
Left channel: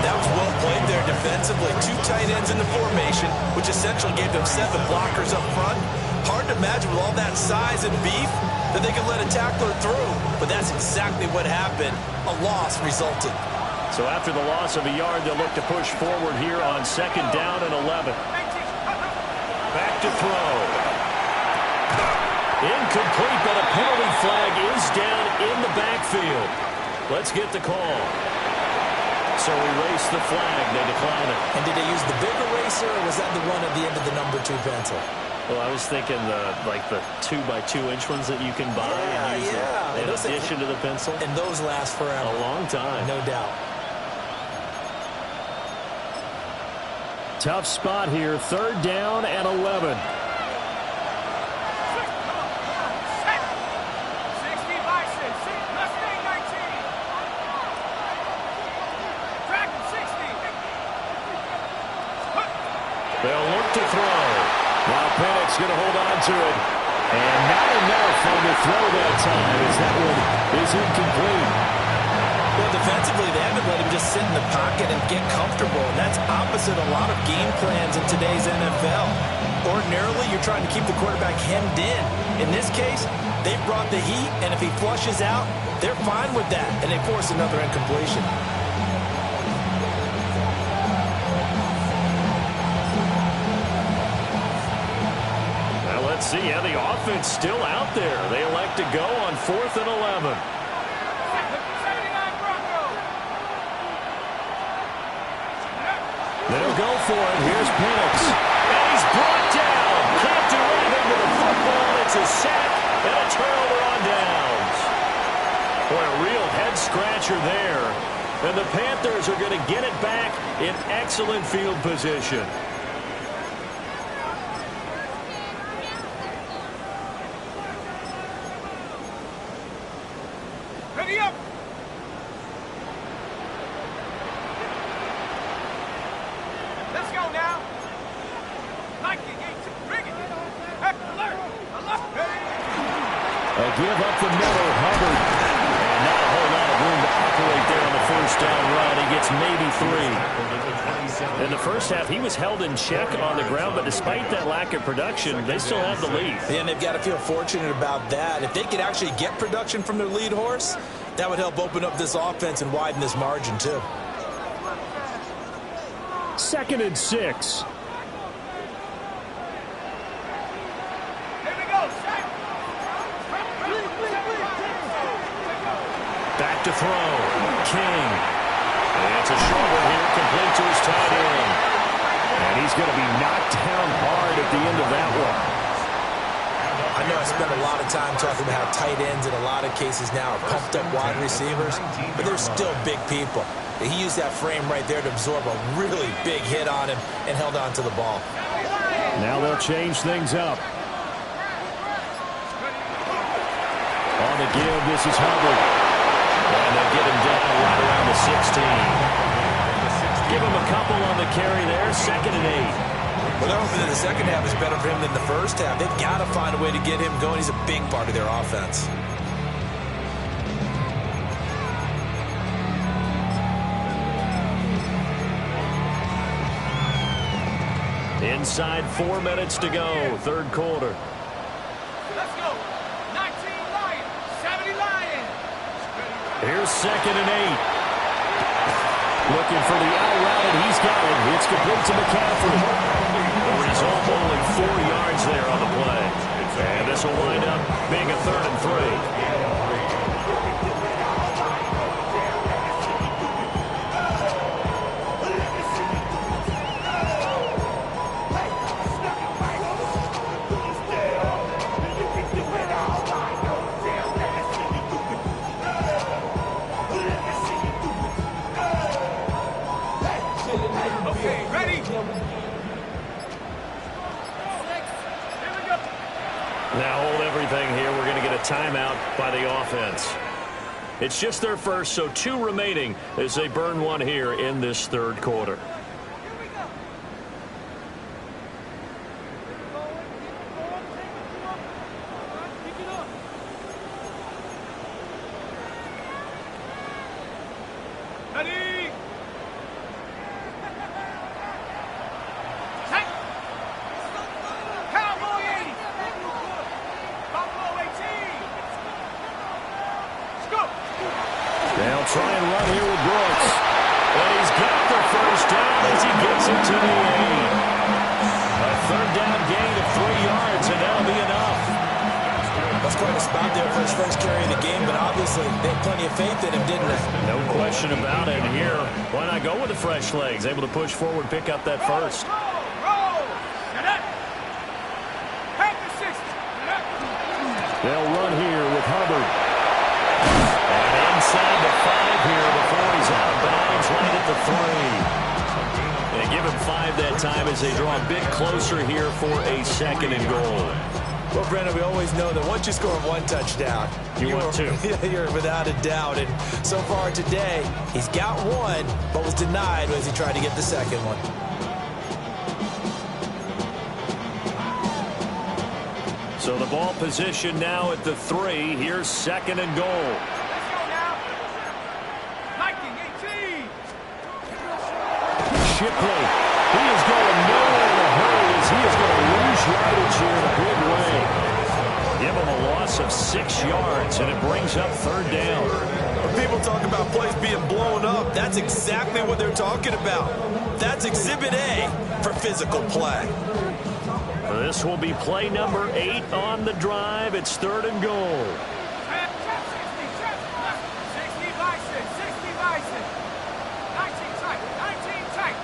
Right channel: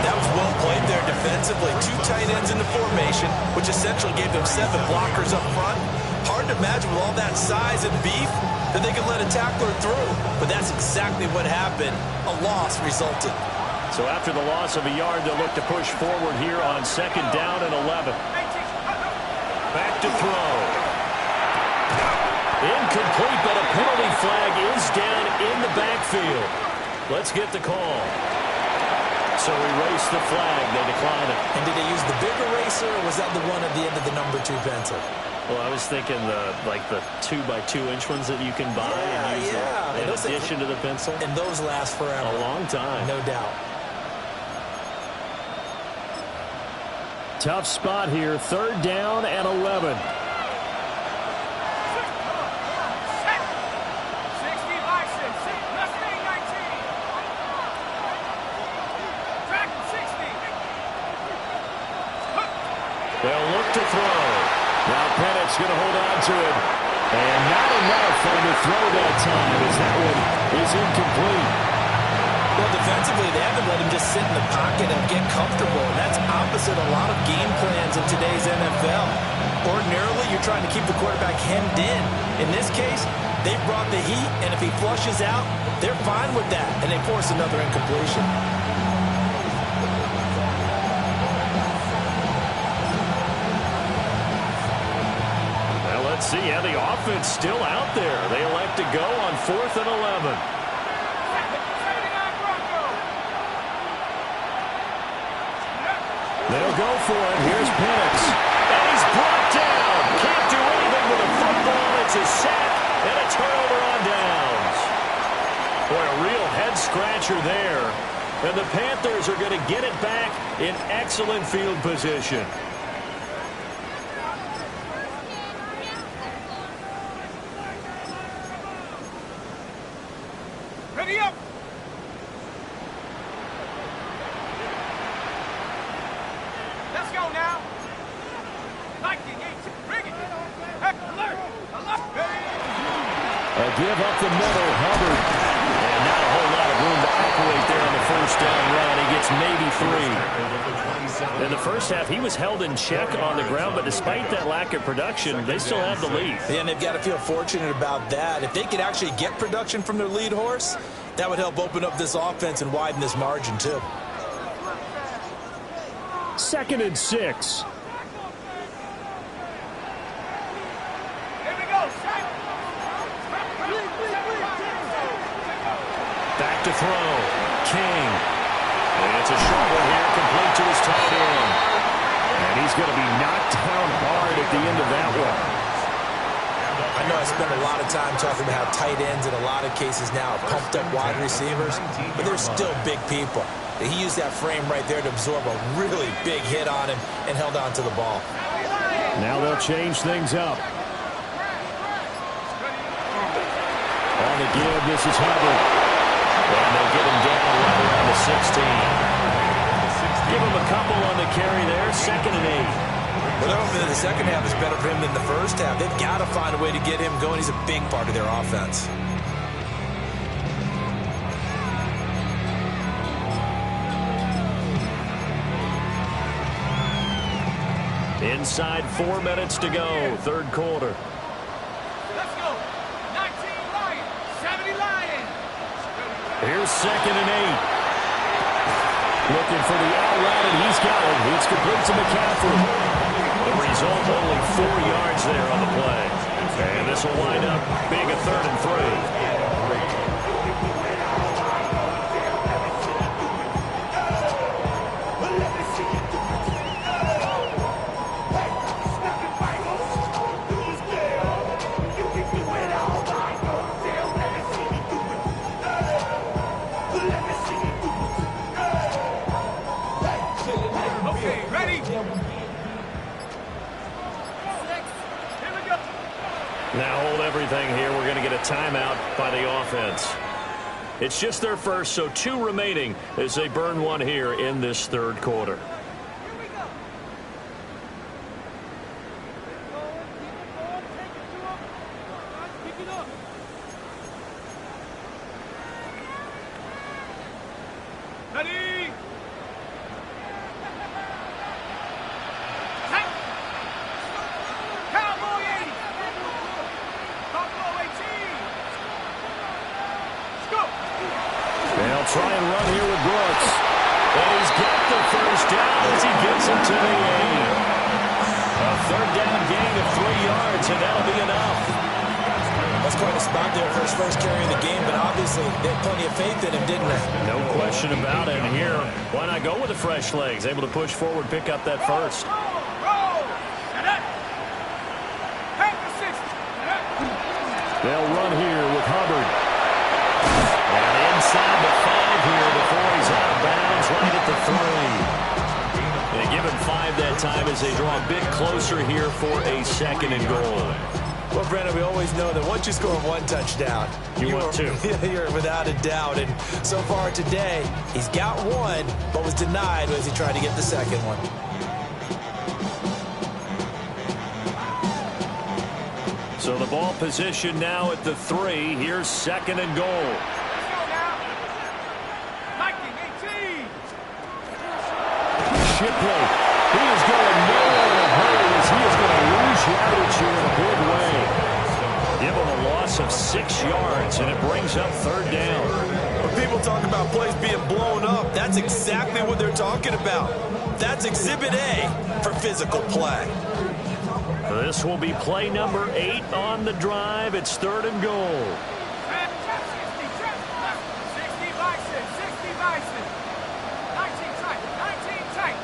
That was well played there defensively. 2 tight ends in the formation, which essentially gave them 7 blockers up front. Hard to imagine with all that size and beef that they could let a tackler through. But that's exactly what happened. A loss resulted. So after the loss of a yard, they'll look to push forward here on 2nd down and 11. Back to throw. Incomplete, but a penalty flag is down in the backfield. Let's get the call. So erase the flag. They decline it. And did they use the big eraser, or was that the one at the end of the number 2 pencil? Well, I was thinking the 2x2-inch ones that you can buy and use in addition to the pencil. And those last forever. A long time. No doubt. Tough spot here. 3rd down and 11. They'll look to throw. Now Pennick's going to hold on to it. And not enough on the throw that time as that one is incomplete. Well, defensively, they haven't let him just sit in the pocket and get comfortable, and that's opposite a lot of game plans in today's NFL. Ordinarily, you're trying to keep the quarterback hemmed in. In this case, they brought the heat, and if he flushes out, they're fine with that, and they force another incompletion. Let's see how the offense still out there. They elect to go on 4th and 11. They'll go for it. Here's Penix. And he's brought down. Can't do anything with the football. It's a sack and a turnover on downs. Boy, a real head-scratcher there. And the Panthers are going to get it back in excellent field position. Ready up! Let's go now! Lightning, bring it! Alert! Alert! A give up the middle, Hubbard. And not a whole lot of room to operate there on the first down run. He gets maybe 3. In the first half, he was held in check on the ground, but despite that lack of production, they still have the lead. And they've got to feel fortunate about that. If they could actually get production from their lead horse, that would help open up this offense and widen this margin, too. 2nd and 6. Here we go, Shaq! Back to throw. King. And it's a short one here, complete to his tight end. And he's going to be knocked down hard at the end of that one. I know I spent a lot of time talking about how tight ends in a lot of cases now are pumped up wide receivers, but they're still big people. He used that frame right there to absorb a really big hit on him and held on to the ball. Now they'll change things up. On the give, this is Hubbard. And they'll get him down right around the 16. Give him a couple on the carry there, 2nd and 8. Well, they're hoping that the second half is better for him than the first half. They've got to find a way to get him going. He's a big part of their offense. Inside 4 minutes to go, 3rd quarter. Let's go! 19 Lions, 70 Lions! Here's 2nd and 8. Looking for the out route, and he's got it. It's complete to McCaffrey. The result, only 4 yards there on the play. And this will wind up being a 3rd and 3. Okay, ready? Here we go. Now hold everything here. We're going to get a timeout by the offense. It's just their first, so 2 remaining as they burn one here in this 3rd quarter. Here we go. Keep it going, take it to him. All right, pick it up. Ready? Tight. Cowboy 80. Buffalo 18. Scoop. They'll try and run here with Brooks. And he's got the first down as he gets it to the 8. A 3rd down gain of 3 yards, and that'll be enough. That's quite a spot there for his first carry of the game, but obviously they had plenty of faith in him, didn't they? No question about it. And here, why not go with the fresh legs? Able to push forward, pick up that first. Roll. Set up. Panthers 6. Set up. They'll run here with Hubbard. And inside the 5 here before he's out of bounds, right at the 3. They give him 5 that time as they draw a bit closer here for a 2nd and goal. Well, Brandon, we always know that once you score 1 touchdown, You want 2. You're without a doubt. And so far today, he's got 1, but was denied as he tried to get the 2nd one. So the ball position now at the 3. Here's 2nd and goal. Let's go now. Liking 18. Shipley, he is going nowhere in a hurry as he is going to lose yardage here in a big way. Give him a loss of 6 yards, and it brings up 3rd down. When people talk about plays being blown up, that's exactly what they're talking about. That's Exhibit A for physical play. This will be play number 8 on the drive. It's 3rd and goal. Trap 60, trap left. 60 Bison, 60 Bison. 19 tight, 19 tight.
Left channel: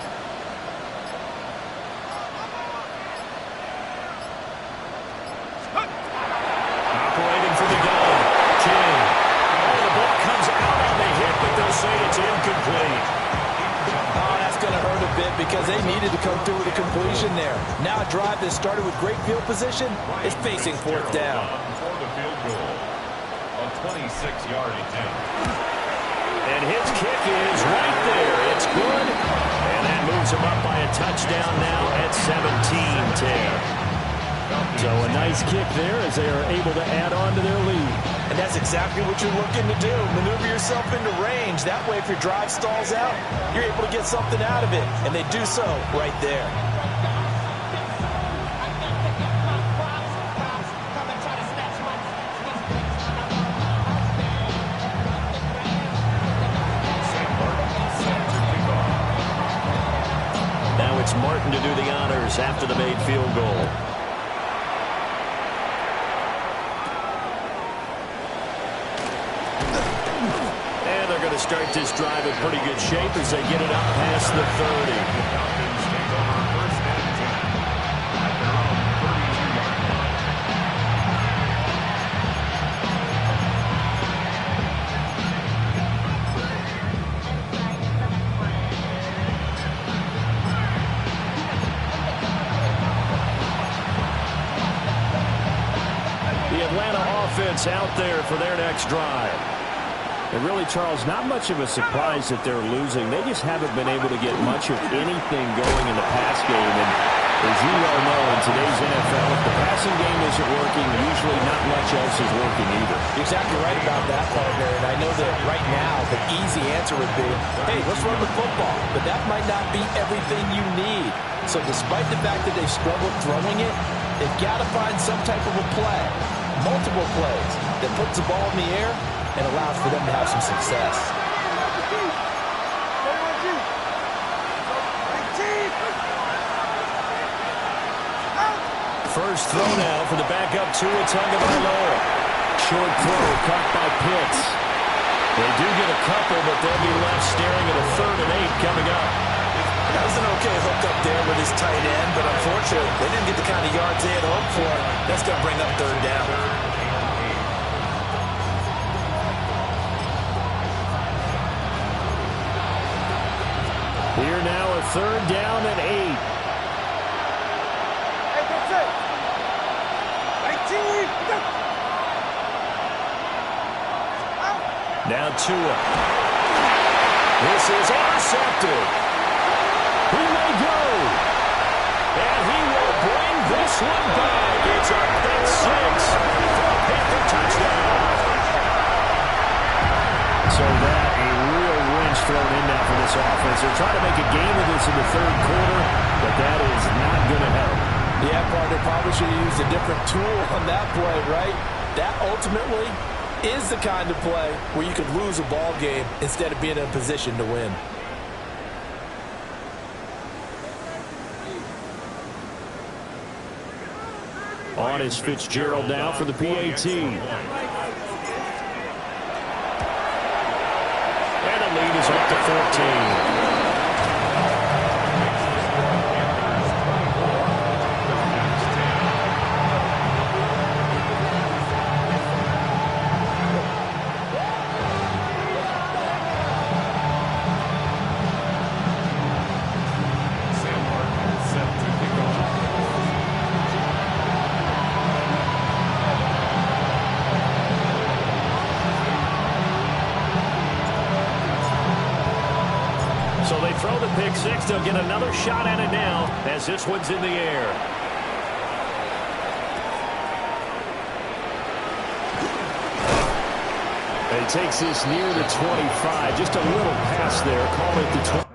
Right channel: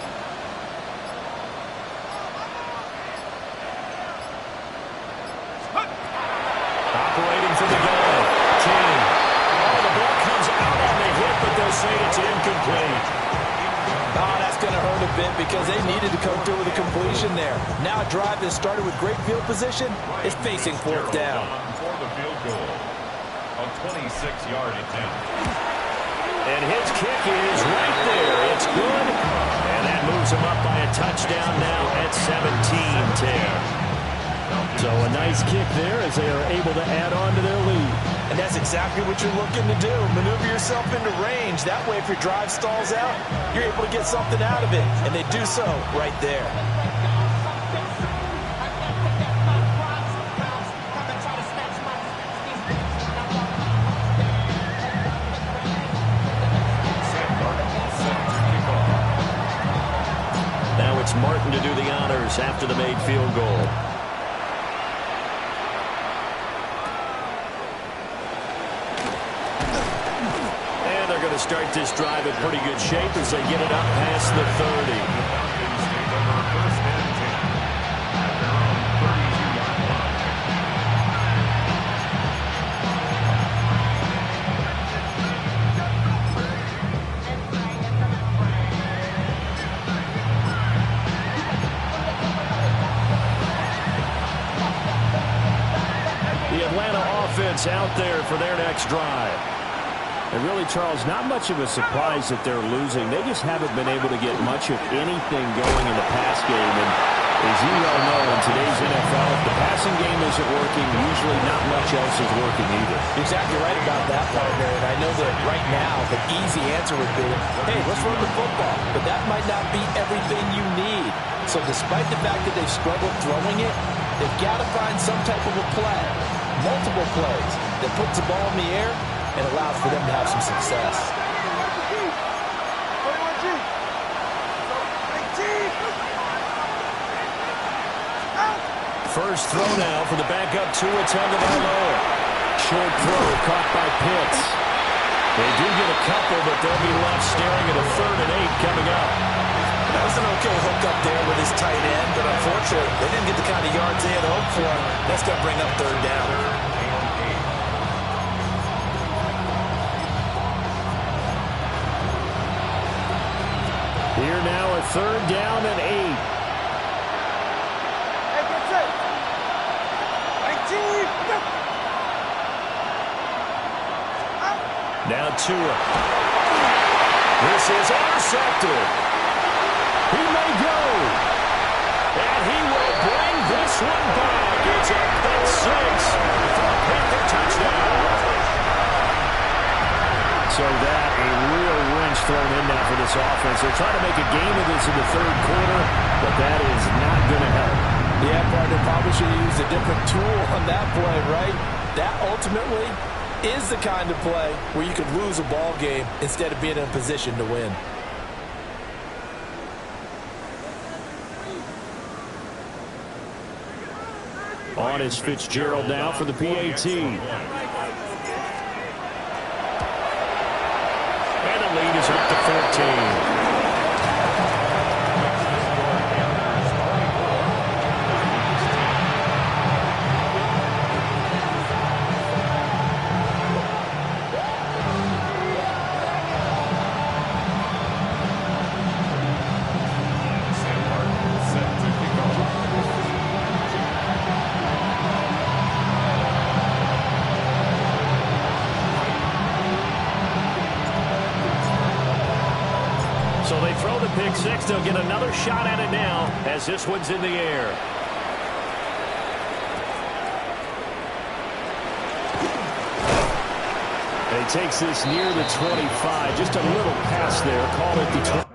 Operating for the gun. King. Oh, the ball comes out on the hit, but they'll say it's incomplete. Oh, that's going to hurt a bit because they needed to come through with a completion there. Now a drive that started with great field position is facing 4th down. For the field goal. A 26-yard attempt. And his kick is right there. It's good. And that moves him up by a touchdown now at 17-10. So a nice kick there as they are able to add on to their lead. And that's exactly what you're looking to do. Maneuver yourself into range. That way, if your drive stalls out, you're able to get something out of it. And they do so right there. Now it's Martin to do the honors after the made field goal. They're going to start this drive in pretty good shape as they get it up past the 30. Falcons take over 1st and 10 at their own 32-yard line. The Atlanta offense out there for their next drive. And really, Charles, not much of a surprise that they're losing. They just haven't been able to get much of anything going in the pass game. And as you well know, in today's NFL, if the passing game isn't working, usually not much else is working either. You're exactly right about that, partner. And I know that right now the easy answer would be, hey, let's run the football. But that might not be everything you need. So despite the fact that they've struggled throwing it, they've got to find some type of a play, multiple plays, that puts the ball in the air and allows for them to have some success. 21G. 19. First throw now for the backup Tua Tagovailoa. Short throw caught by Pitts. They do get a couple, but they'll be left staring at a 3rd and 8 coming up. That was an okay hook up there with his tight end, but unfortunately, they didn't get the kind of yards they had hoped for. That's going to bring up 3rd down. Here now a 3rd down and 8. Hey, that's it. 19. Now Tua. This is intercepted. He may go. And he will bring this one back. It's a pick 6 for a Panther touchdown. So that a real wrench thrown in now for this offense. They're trying to make a game of this in the 3rd quarter, but that is not going to help. Yeah, partner, probably should have used a different tool on that play, right? That ultimately is the kind of play where you could lose a ball game instead of being in a position to win. On is Fitzgerald now for the PAT. And the lead is up to 14. So they throw the pick 6. They'll get another shot at it now as this one's in the air. And he takes this near the 25. Just a little pass there. Call it the 20.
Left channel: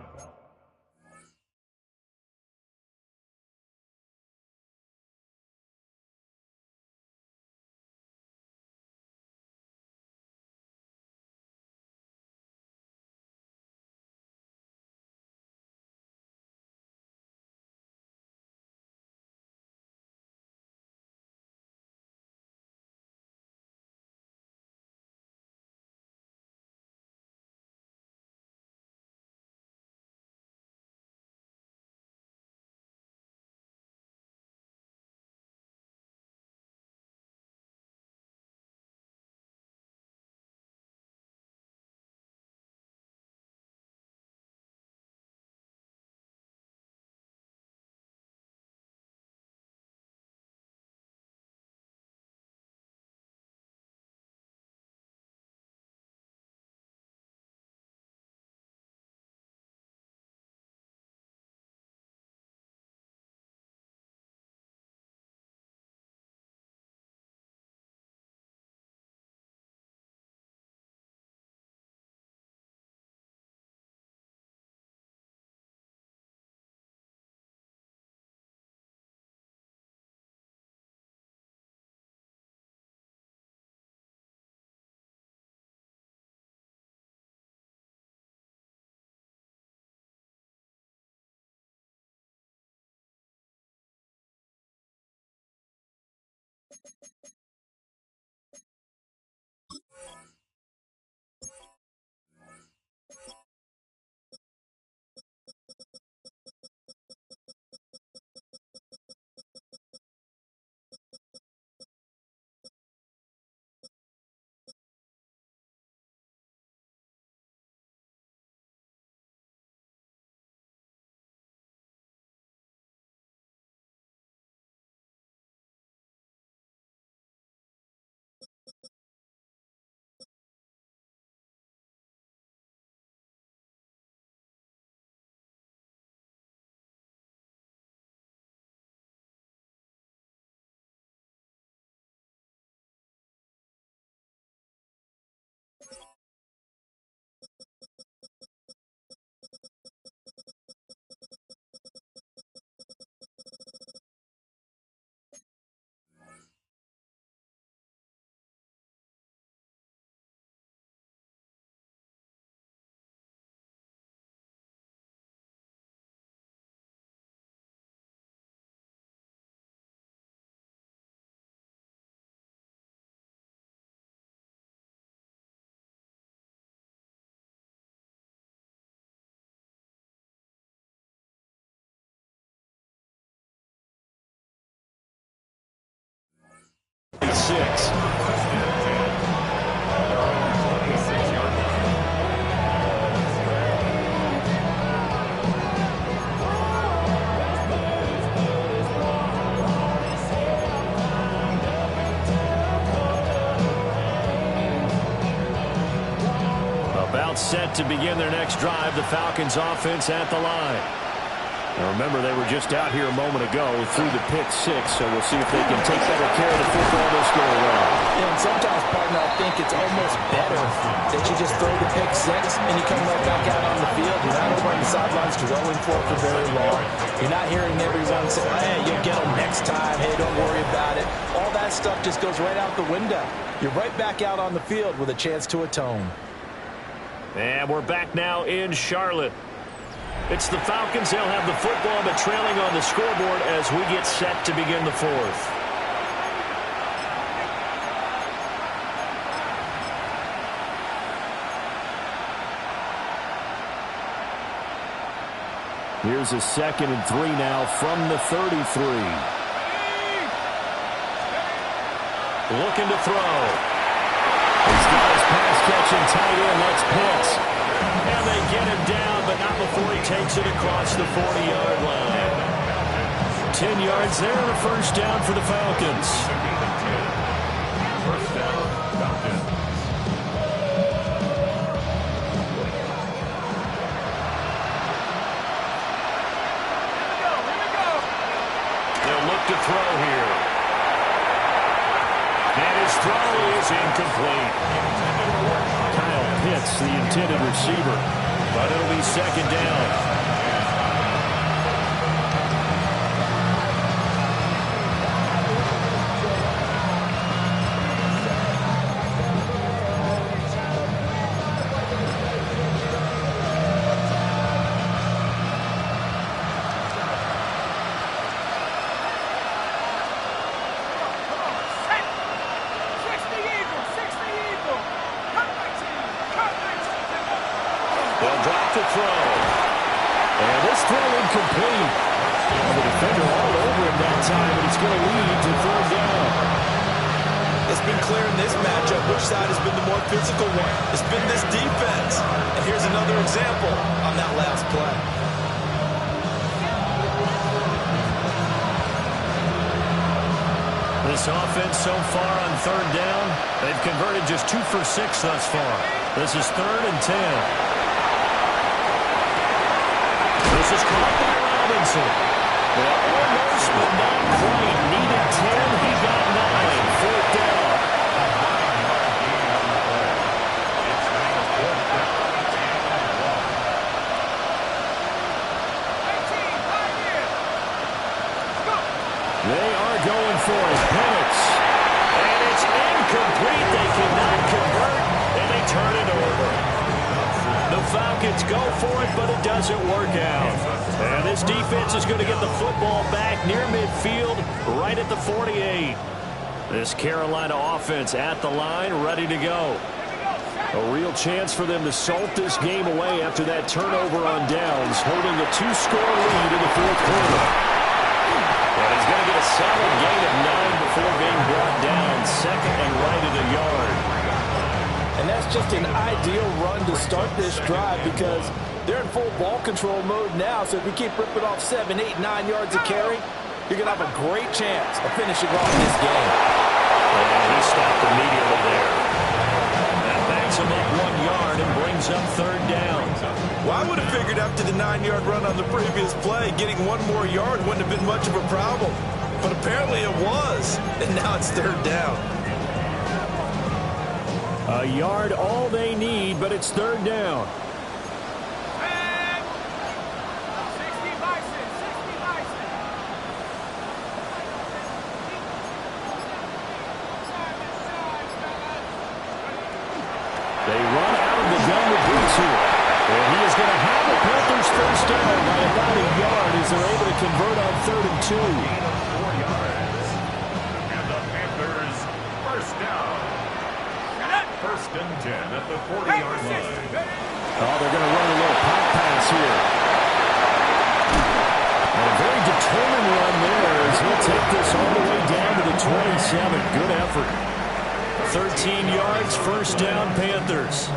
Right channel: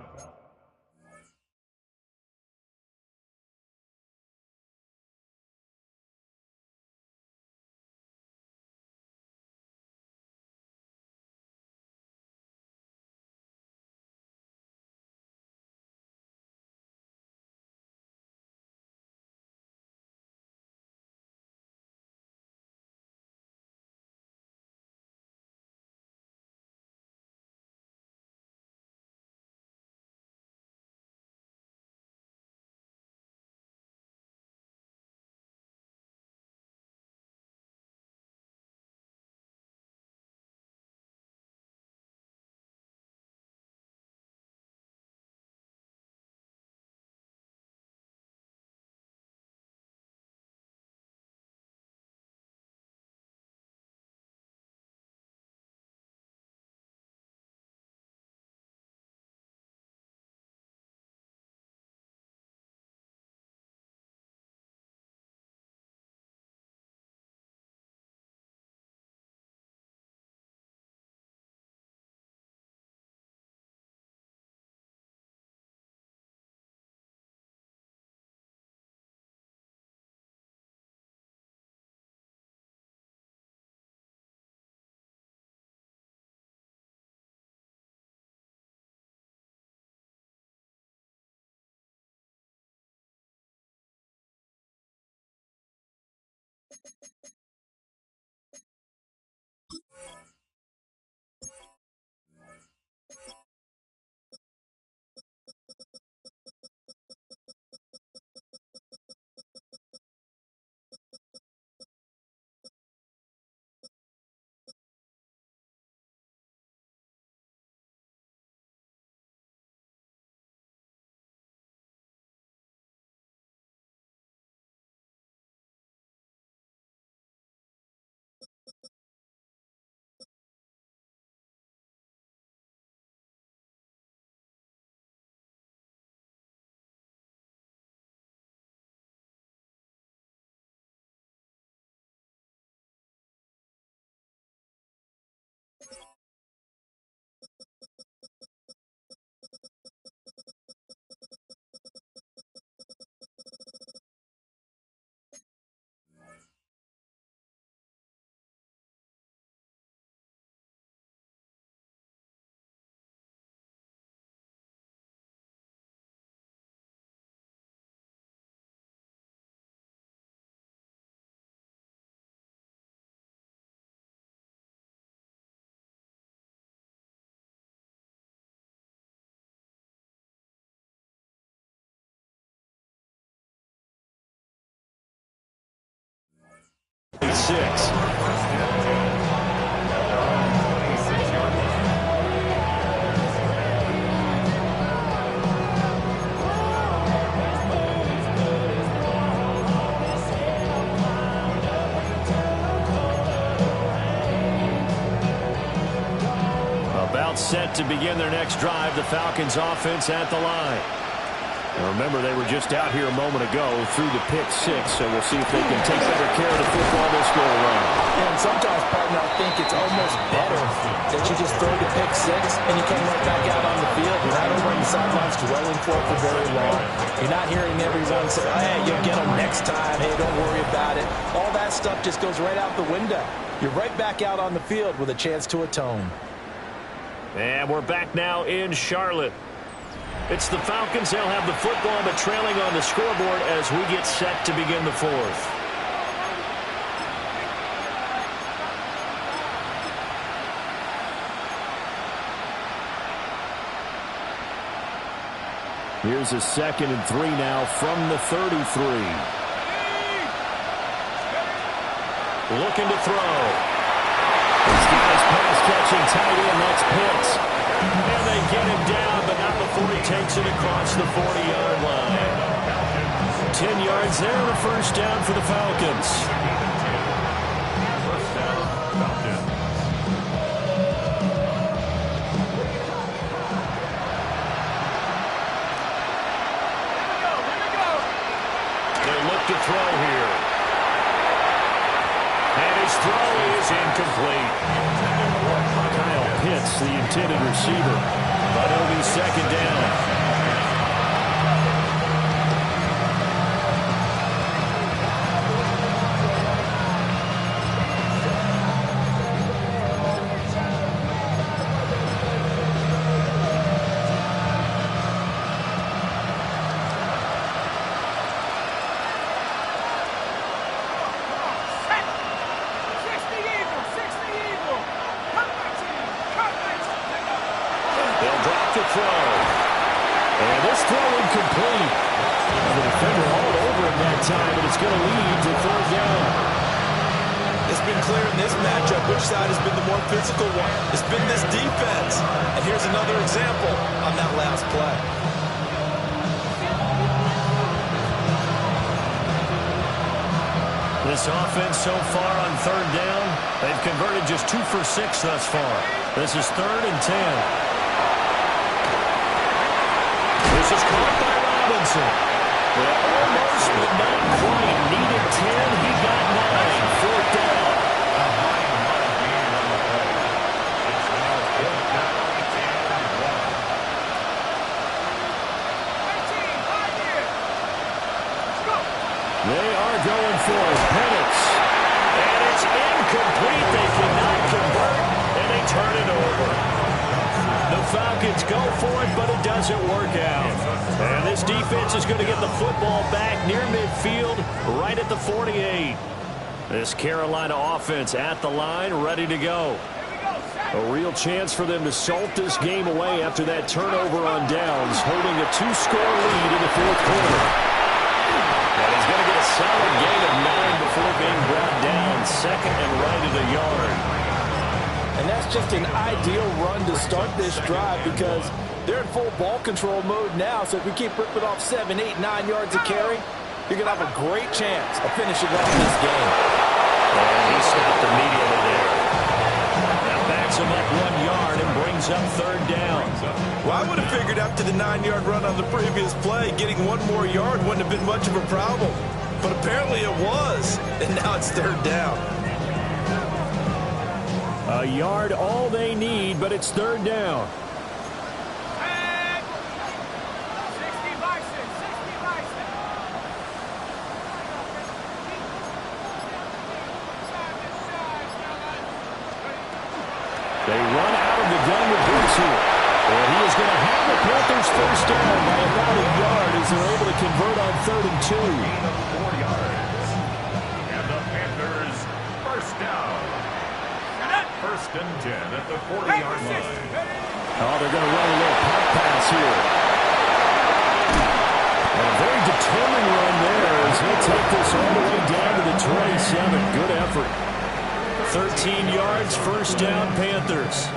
Six. About set to begin their next drive. The Falcons offense at the line. Now remember, they were just out here a moment ago through the pick six, so we'll see if they can take better care of the football this go around. And sometimes, partner, I think it's almost better that you just throw the pick six and you come right back out on the field. You're not over on the sidelines dwelling for it for very long. You're not hearing everyone say, hey, you'll get them next time. Hey, don't worry about it. All that stuff just goes right out the window. You're right back out on the field with a chance to atone. And we're back now in Charlotte. It's the Falcons. They'll have the football, but trailing on the scoreboard as we get set to begin the fourth. Here's a 2nd and 3 now from the 33. Looking to throw. He's got his pass-catching tight end. That's Pitts. And they get him down, but not before he takes it across the 40-yard line. 10 yards there and a first down for the Falcons. First down, Falcons. They'll look to throw here. And his throw is incomplete. Kyle Pitts, the intended receiver. But it'll be second down. They'll drop to throw. And this throw incomplete. The defender all over him that time, and it's going to lead to third down. It's been clear in this matchup which side has been the more physical one. It's been this defense. And here's another example on that last play. This offense so far on third down, they've converted just 2 for 6 thus far. This is 3rd and 10. This is caught by Robinson. Well, almost, but not quite. Needed 10. He got 9. 4th down. A 9-yard gain on the play. It's now 4th down and 1. 18, 5 here. Let's go. They are going for it. Penix. And it's incomplete. They cannot convert, and they turn it over. The Falcons go for it, but it doesn't work out. And this defense is going to get the football back near midfield, right at the 48. This Carolina offense at the line, ready to go. A real chance for them to salt this game away after that turnover on downs, holding a 2-score lead in the 4th quarter. And he's going to get a solid gain of 9 before being brought down. 2nd and right at a yard. And that's just an ideal run to start this drive because they're in full ball control mode now. So if we keep ripping off 7, 8, 9 yards of carry, you're going to have a great chance of finishing off this game. And he stopped immediately there. That backs him up 1 yard and brings up 3rd down. Well, I would have figured after the 9-yard run on the previous play, getting 1 more yard wouldn't have been much of a problem. But apparently it was. And now it's 3rd down. A yard all they need, but it's 3rd down. 60 Bison, 60 Bison. They run out of the gun with Bucs here. And he is going to have the Panthers first down by about a yard as they're able to convert on 3rd and 2. Gain of 4 yards. And the Panthers first down. 1st and 10 at the 40-yard line. Oh, they're going to run a little pop pass here. And a very determined run there as he'll take this all the way down to the 27. Good effort. 13 yards, 1st down, Panthers.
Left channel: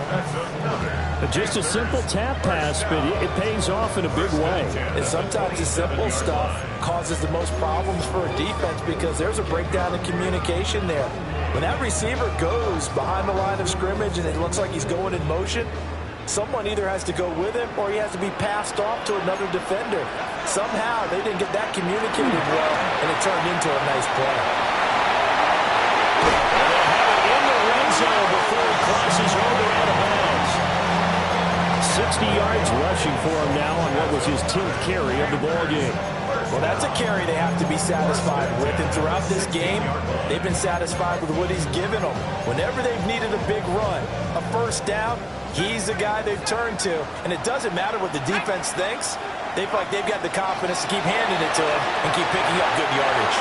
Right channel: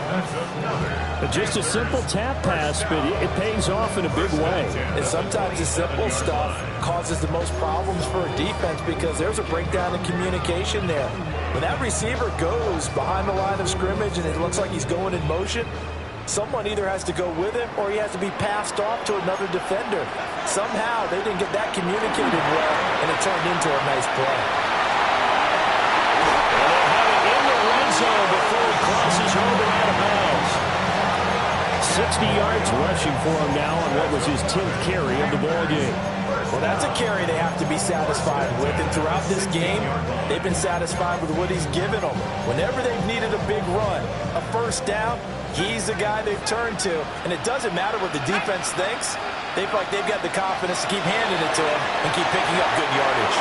Just a simple tap pass, but it pays off in a big way. And sometimes the simple stuff causes the most problems for a defense because there's a breakdown in communication there. When that receiver goes behind the line of scrimmage and it looks like he's going in motion, someone either has to go with him or he has to be passed off to another defender. Somehow they didn't get that communicated well, and it turned into a nice play. And they'll have it in the red zone before he crosses over out of bounds. 60 yards rushing for him now on what was his 10th carry of the ball game. Well, that's a carry they have to be satisfied with, and throughout this game, they've been satisfied with what he's given them. Whenever they've needed a big run, a 1st down, he's the guy they've turned to, and it doesn't matter what the defense thinks. They feel like they've got the confidence to keep handing it to him and keep picking up good yardage.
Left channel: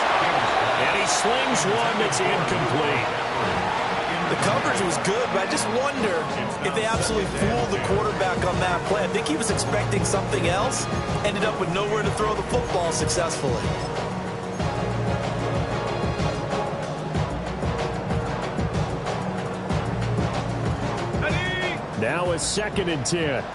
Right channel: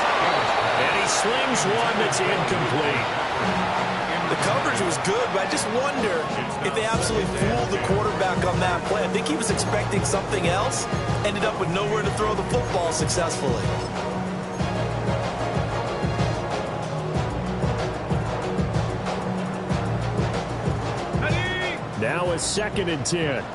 And he slings one that's incomplete. The coverage was good, but I just wonder if they absolutely fooled the quarterback on that play. I think he was expecting something else, ended up with nowhere to throw the football successfully. Now it's 2nd and 10.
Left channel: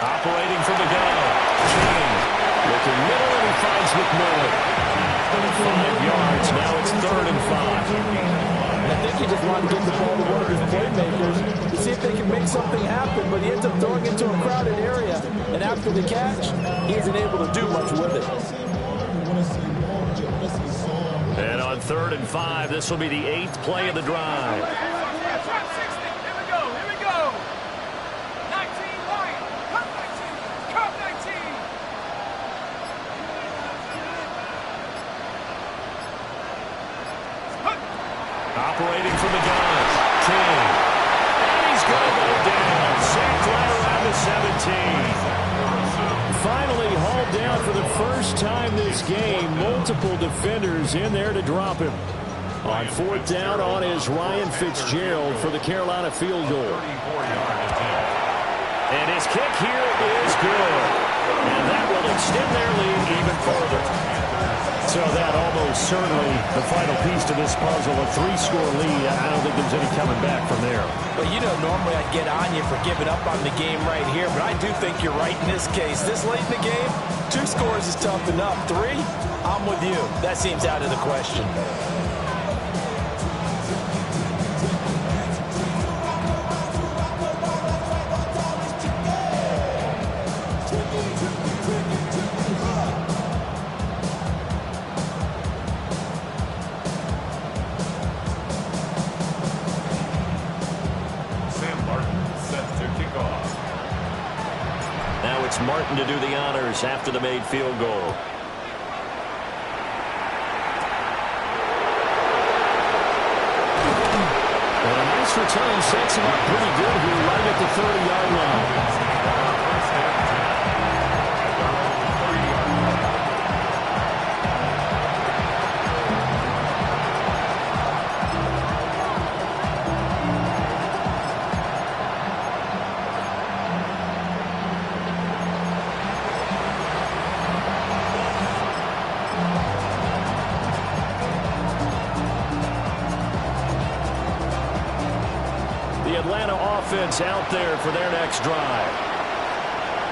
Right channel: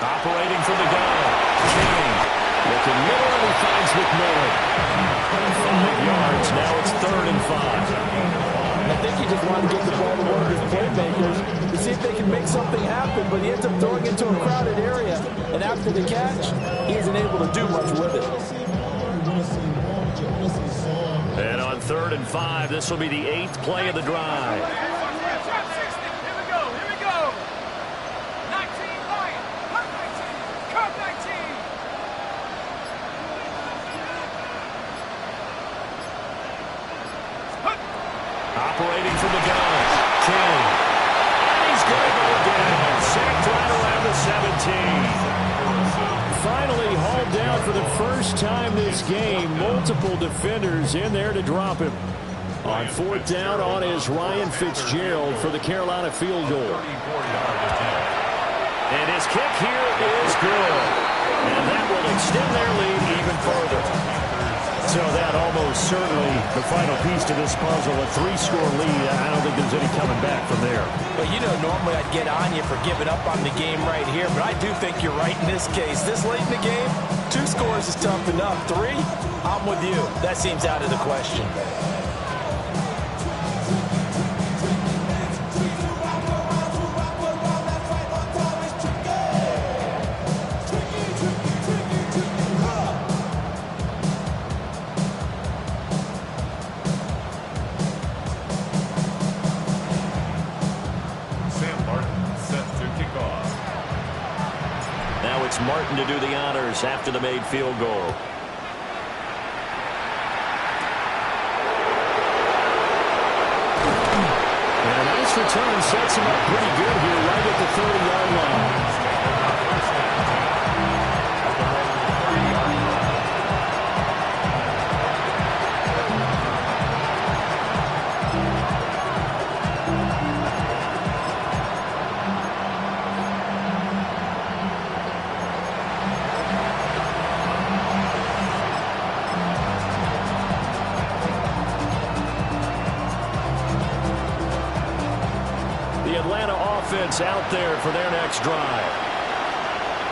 Operating from the gun. King looking middle, and he finds McMillan. 5 yards. Now it's 3rd and 5. And I think he just wanted to get the ball to one of his playmakers to see if they can make something happen, but he ends up throwing into a crowded area, and and after the catch, he isn't able to do much with it. And on 3rd and 5, this will be the 8th play of the drive. Here we go. Here we go. 19 Lion. Come 19. Come 19. Operating from the gun, King. And he's going to go down. Sacked right around the 17. Finally hauled down for the first time this game. Multiple defenders in there to drop him. On 4th down on is Ryan Fitzgerald for the Carolina field goal. And his kick here is good. And that will extend their lead even further. So that almost certainly the final piece to this puzzle. A 3-score lead. I don't think there's any coming back from there. But you know, normally I'd get on you for giving up on the game right here, but I do think you're right in this case. This late in the game, 2 scores is tough enough. 3, I'm with you. That seems out of the question. Now it's Martin to do the honors after the made field goal. And a nice return sets him up pretty good here right at the 30-yard line. First and 10 at their own 30-yard line. Atlanta offense out there for their next drive.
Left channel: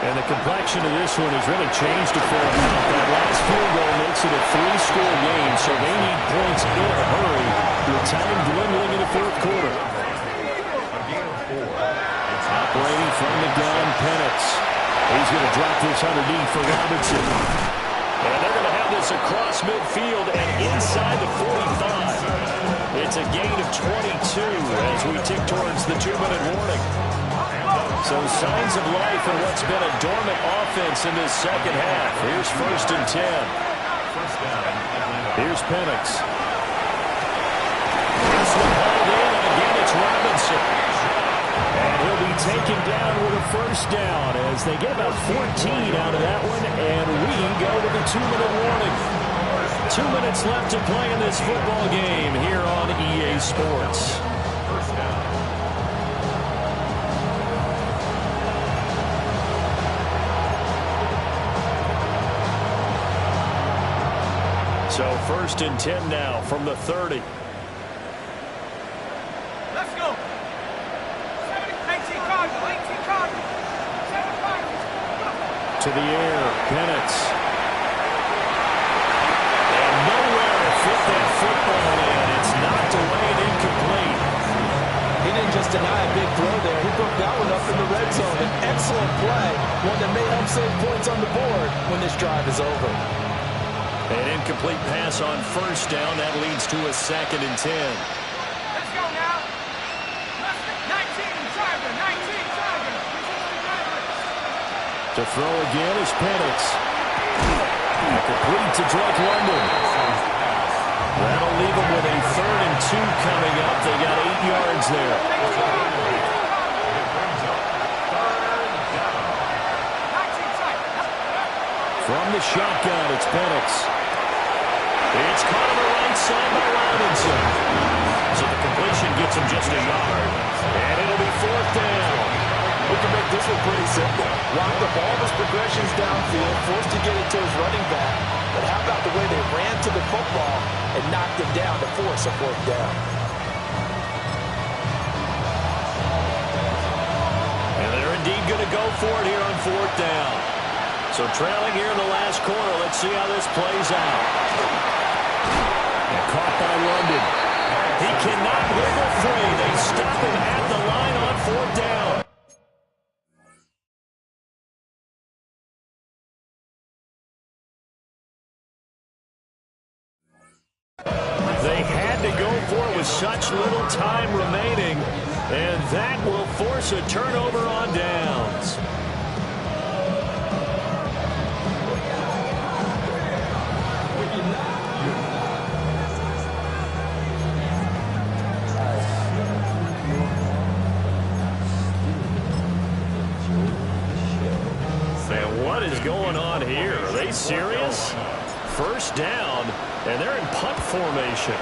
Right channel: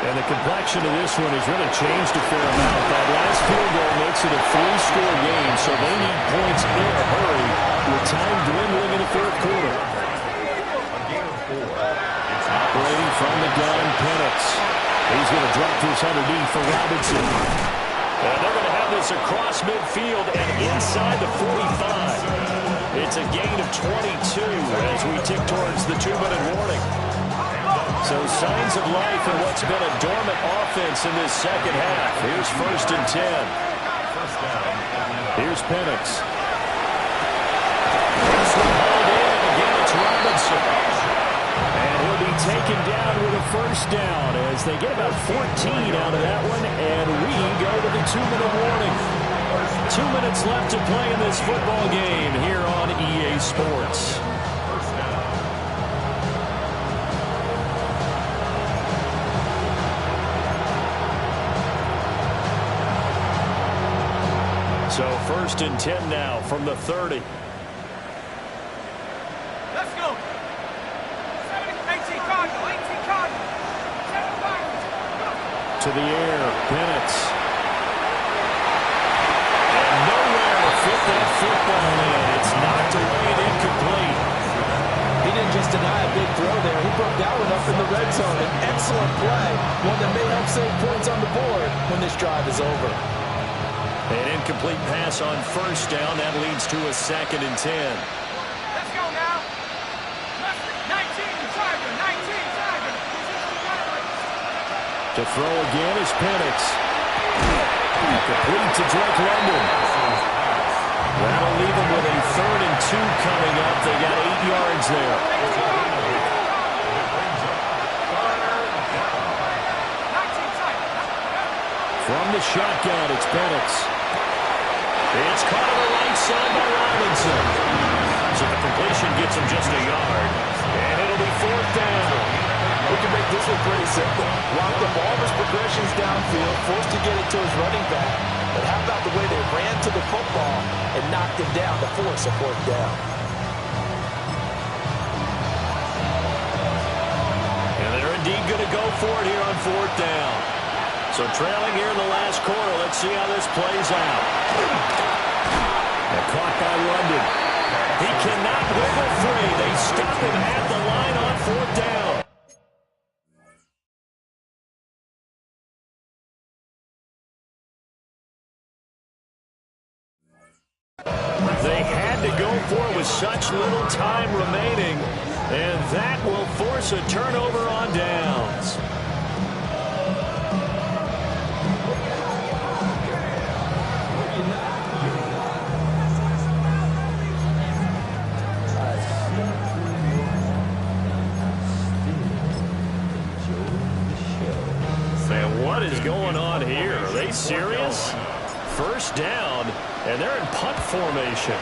And the complexion of this one has really changed a fair amount. That last field goal makes it a 3-score game, so they need points in a hurry with time dwindling in the 4th quarter. Operating from the gun, Penix. He's going to drop this underneath for Robinson. And they're going to have this across midfield and inside the 45. It's a gain of 22 as we tick towards the 2-minute warning. So signs of life in what's been a dormant offense in this second half. Here's 1st and 10. Here's Penix. This one hauled in, and again it's Robinson. And he'll be taken down with a 1st down as they get about 14 out of that one, and we go to the 2-minute warning. 2 minutes left to play in this football game here on EA Sports. So 1st and 10 now from the 30. Let's go. 18 Cardinal. 18 Cardinal. 7 Pirates. Go. To the air, Penix. Fit that football in. It's knocked away and incomplete. He didn't just deny a big throw there. He broke that one up in the red zone. An excellent play. One that may help save points on the board when this drive is over. An incomplete pass on 1st down. That leads to a 2nd and 10. Let's go now. 19 Tiger. 19 Tiger. To throw again is Penix. Complete to Drake London. That'll leave them with a 3rd and 2 coming up. They got 8 yards there. From the shotgun, it's Penix. It's caught on the right side by Robinson. So the completion gets him just a yard. And it'll be 4th down. We can make this one pretty simple. Lock up all of his progressions downfield, forced to get it to his running back. But how about the way they ran to the football and knocked him down to force a 4th down? And they're indeed going to go for it here on 4th down. So trailing here in the last quarter. Let's see how this plays out. And caught by London. He cannot wiggle free. They stop him at the line on 4th down. had to go for it with such little time remaining, and that will force a turnover on downs. And what is going on here? Are they serious? First down, and they're in punt formation.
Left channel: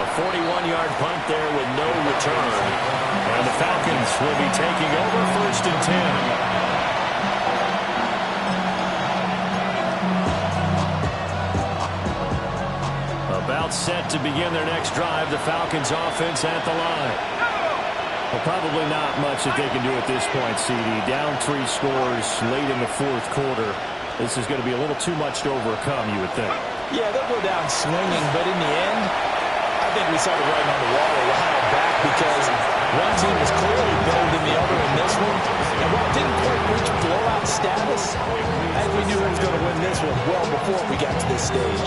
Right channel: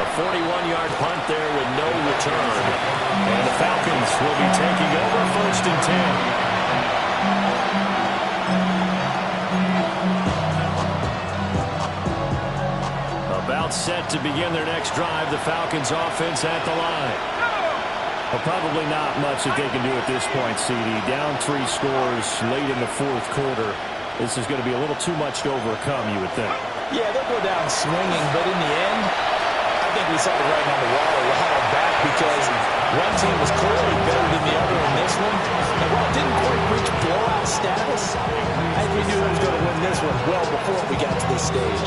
A 41-yard punt there with no return. And the Falcons will be taking over 1st and 10. About set to begin their next drive. The Falcons offense at the line. Well, probably not much that they can do at this point, CD. Down 3 scores late in the 4th quarter. This is going to be a little too much to overcome, you would think. Yeah, they'll go down swinging, but in the end, I think we saw the writing on the wall a while back because one team was clearly better than the other in this one. And while it didn't quite reach blowout status, I think we knew who was going to win this one well before we got to this stage.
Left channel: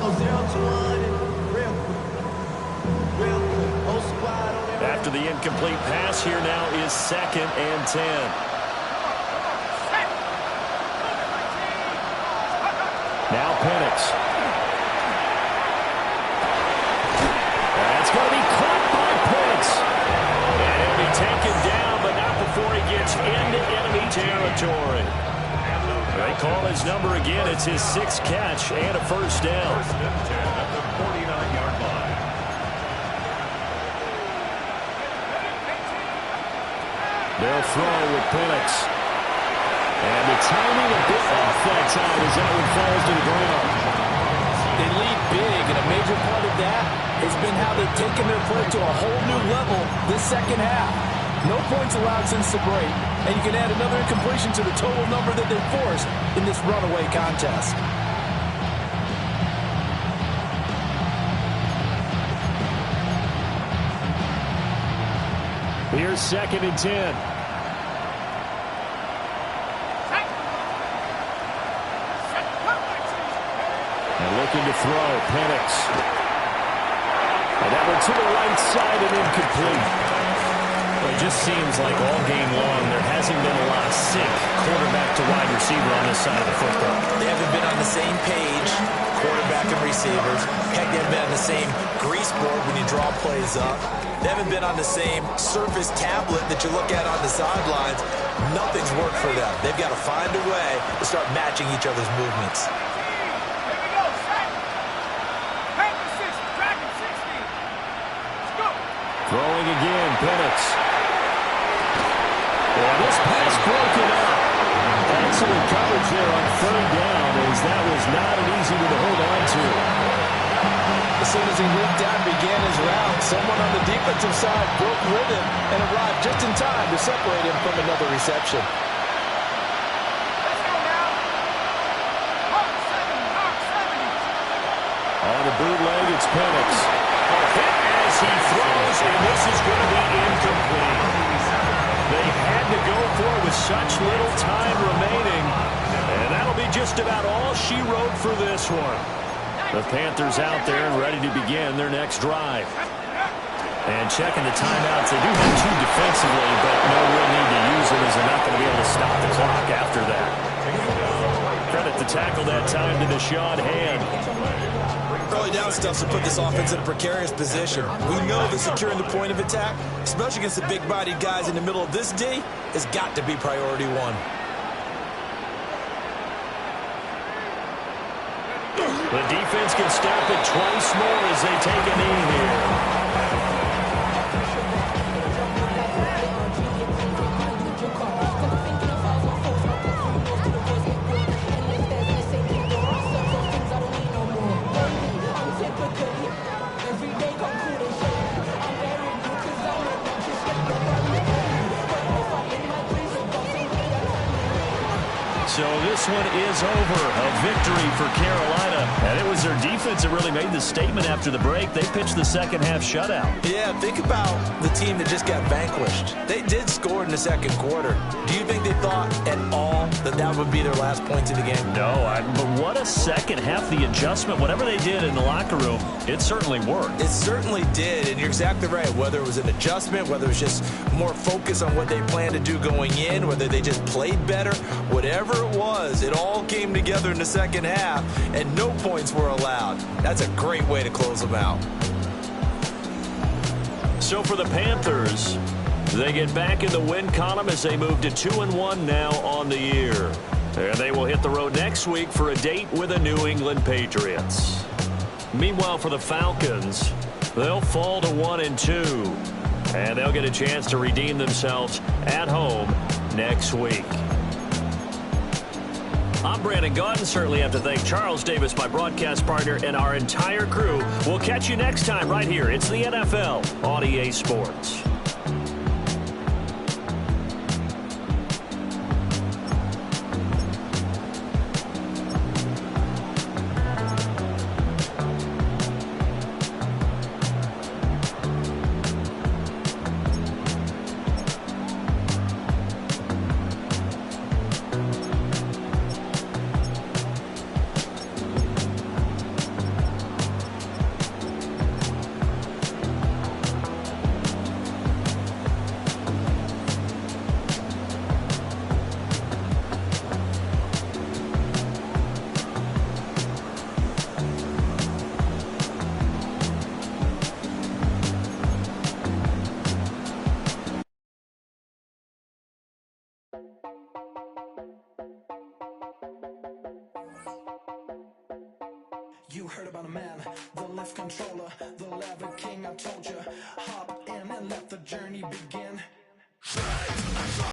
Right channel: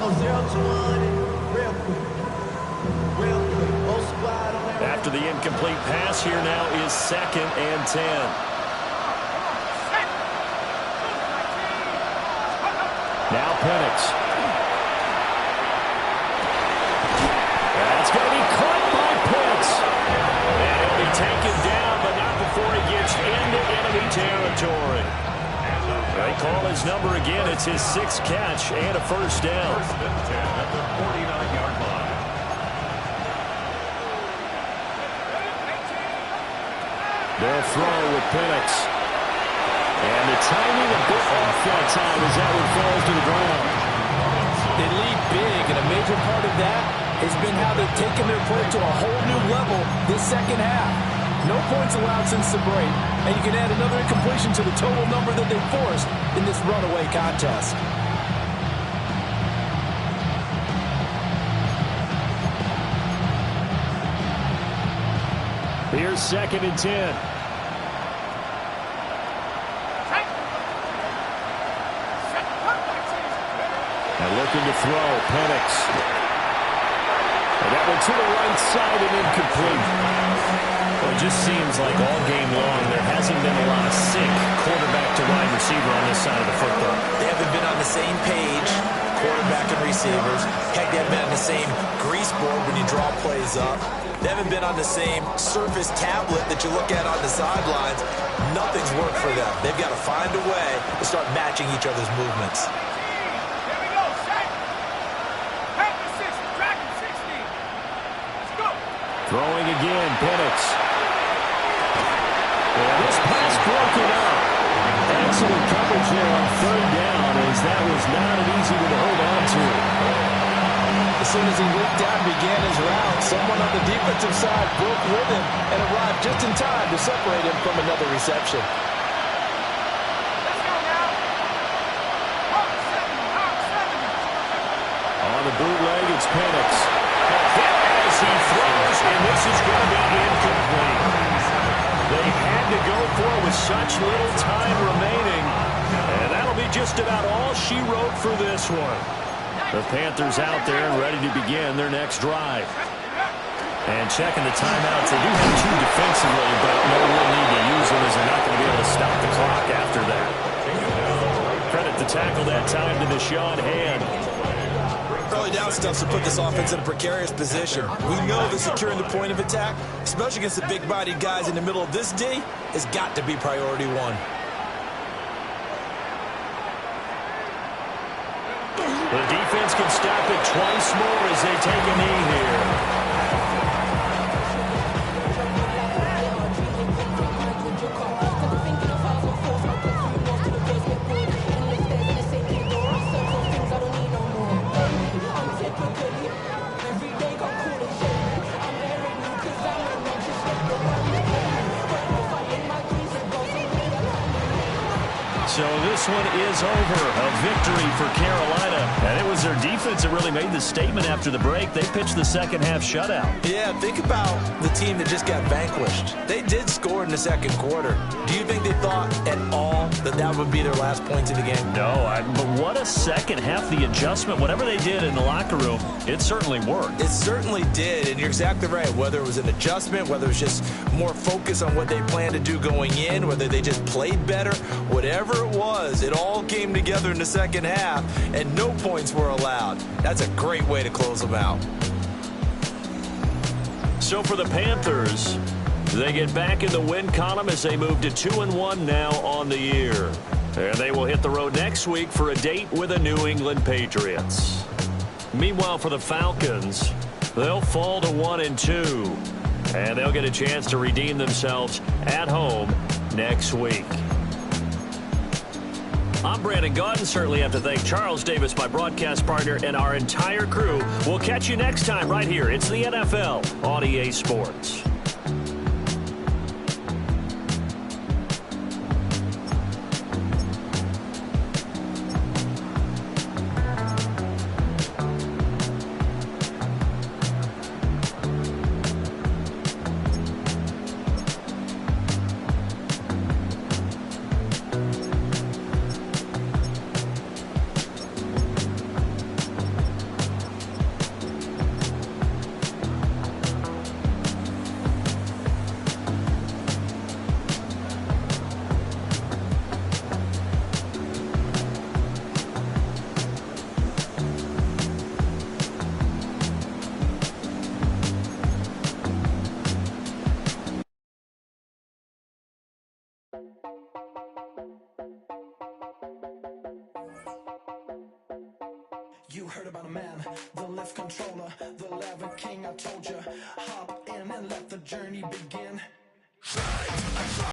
Go 0 to 1 real quick. Whole squad on there. After the incomplete pass, here now is 2nd and 10. Now Penix. That's going to be caught by Pitts. And he'll be taken down, but not before he gets into enemy territory. They call his number again. It's his 6th catch and a first down. 1st and 10 at the 49-yard line. They'll throw with Penix. And the timing a bit off that time as that one falls to the ground. They lead big, and a major part of that has been how they've taken their play to a whole new level this second half. No points allowed since the break, and you can add another incompletion to the total number that they forced in this runaway contest. Here's 2nd and 10. And looking to throw, Penix. And that one to the right side and incomplete. Well, it just seems like all game long there hasn't been a lot of sync quarterback to wide receiver on this side of the football. They haven't been on the same page, quarterback and receivers. Heck, they haven't been on the same grease board when you draw plays up. They haven't been on the same surface tablet that you look at on the sidelines. Nothing's worked for them. They've got to find a way to start matching each other's movements. Here we go, set. Panthers 6, Dragon 60. Let's go. Throwing again, Penix. Yeah, this pass broken up. Excellent coverage there on 3rd down as that was not an easy one to hold on to. As soon as he leaked out and began his route, someone on the defensive side broke with him and arrived just in time to separate him from another reception. Let's go now. Hawk 70. On the bootleg, it's Penix. A hit as he throws, and this is going to be incomplete. They had to go for it with such little time remaining, and that'll be just about all she wrote for this one. The Panthers out there and ready to begin their next drive. And checking the timeouts, they do have 2 defensively, but no real need to use them as they're not going to be able to stop the clock after that. Credit the tackle that time to Deshaun Hand. Early down stuff to put this offense in a precarious position. We know that securing the point of attack, especially against the big-bodied guys in the middle of this D, has got to be priority 1. The defense can stop it twice more as they take a knee here. So this one is over. A victory for Carolina. And it was their defense that really made the statement after the break. They pitched the second half shutout. Yeah, think about the team that just got vanquished. They did score in the second quarter. Do you think they thought at all that that would be their last points of the game? No, but what a second half. The adjustment, whatever they did in the locker room, it certainly worked. It certainly did, and you're exactly right. Whether it was an adjustment, whether it was just more focus on what they planned to do going in, whether they just played better, whatever it was, it all came together in the second half, and no points were allowed. That's a great way to close them out. So for the Panthers, they get back in the win column as they move to 2-1 now on the year. And they will hit the road next week for a date with the New England Patriots. Meanwhile, for the Falcons, they'll fall to 1-2. And they'll get a chance to redeem themselves at home next week. I'm Brandon Gaudin. Certainly have to thank Charles Davis, my broadcast partner, and our entire crew. We'll catch you next time right here. It's the NFL on EA Sports. You heard about a man, the lift controller, the lever king, I told you. Hop in and let the journey begin.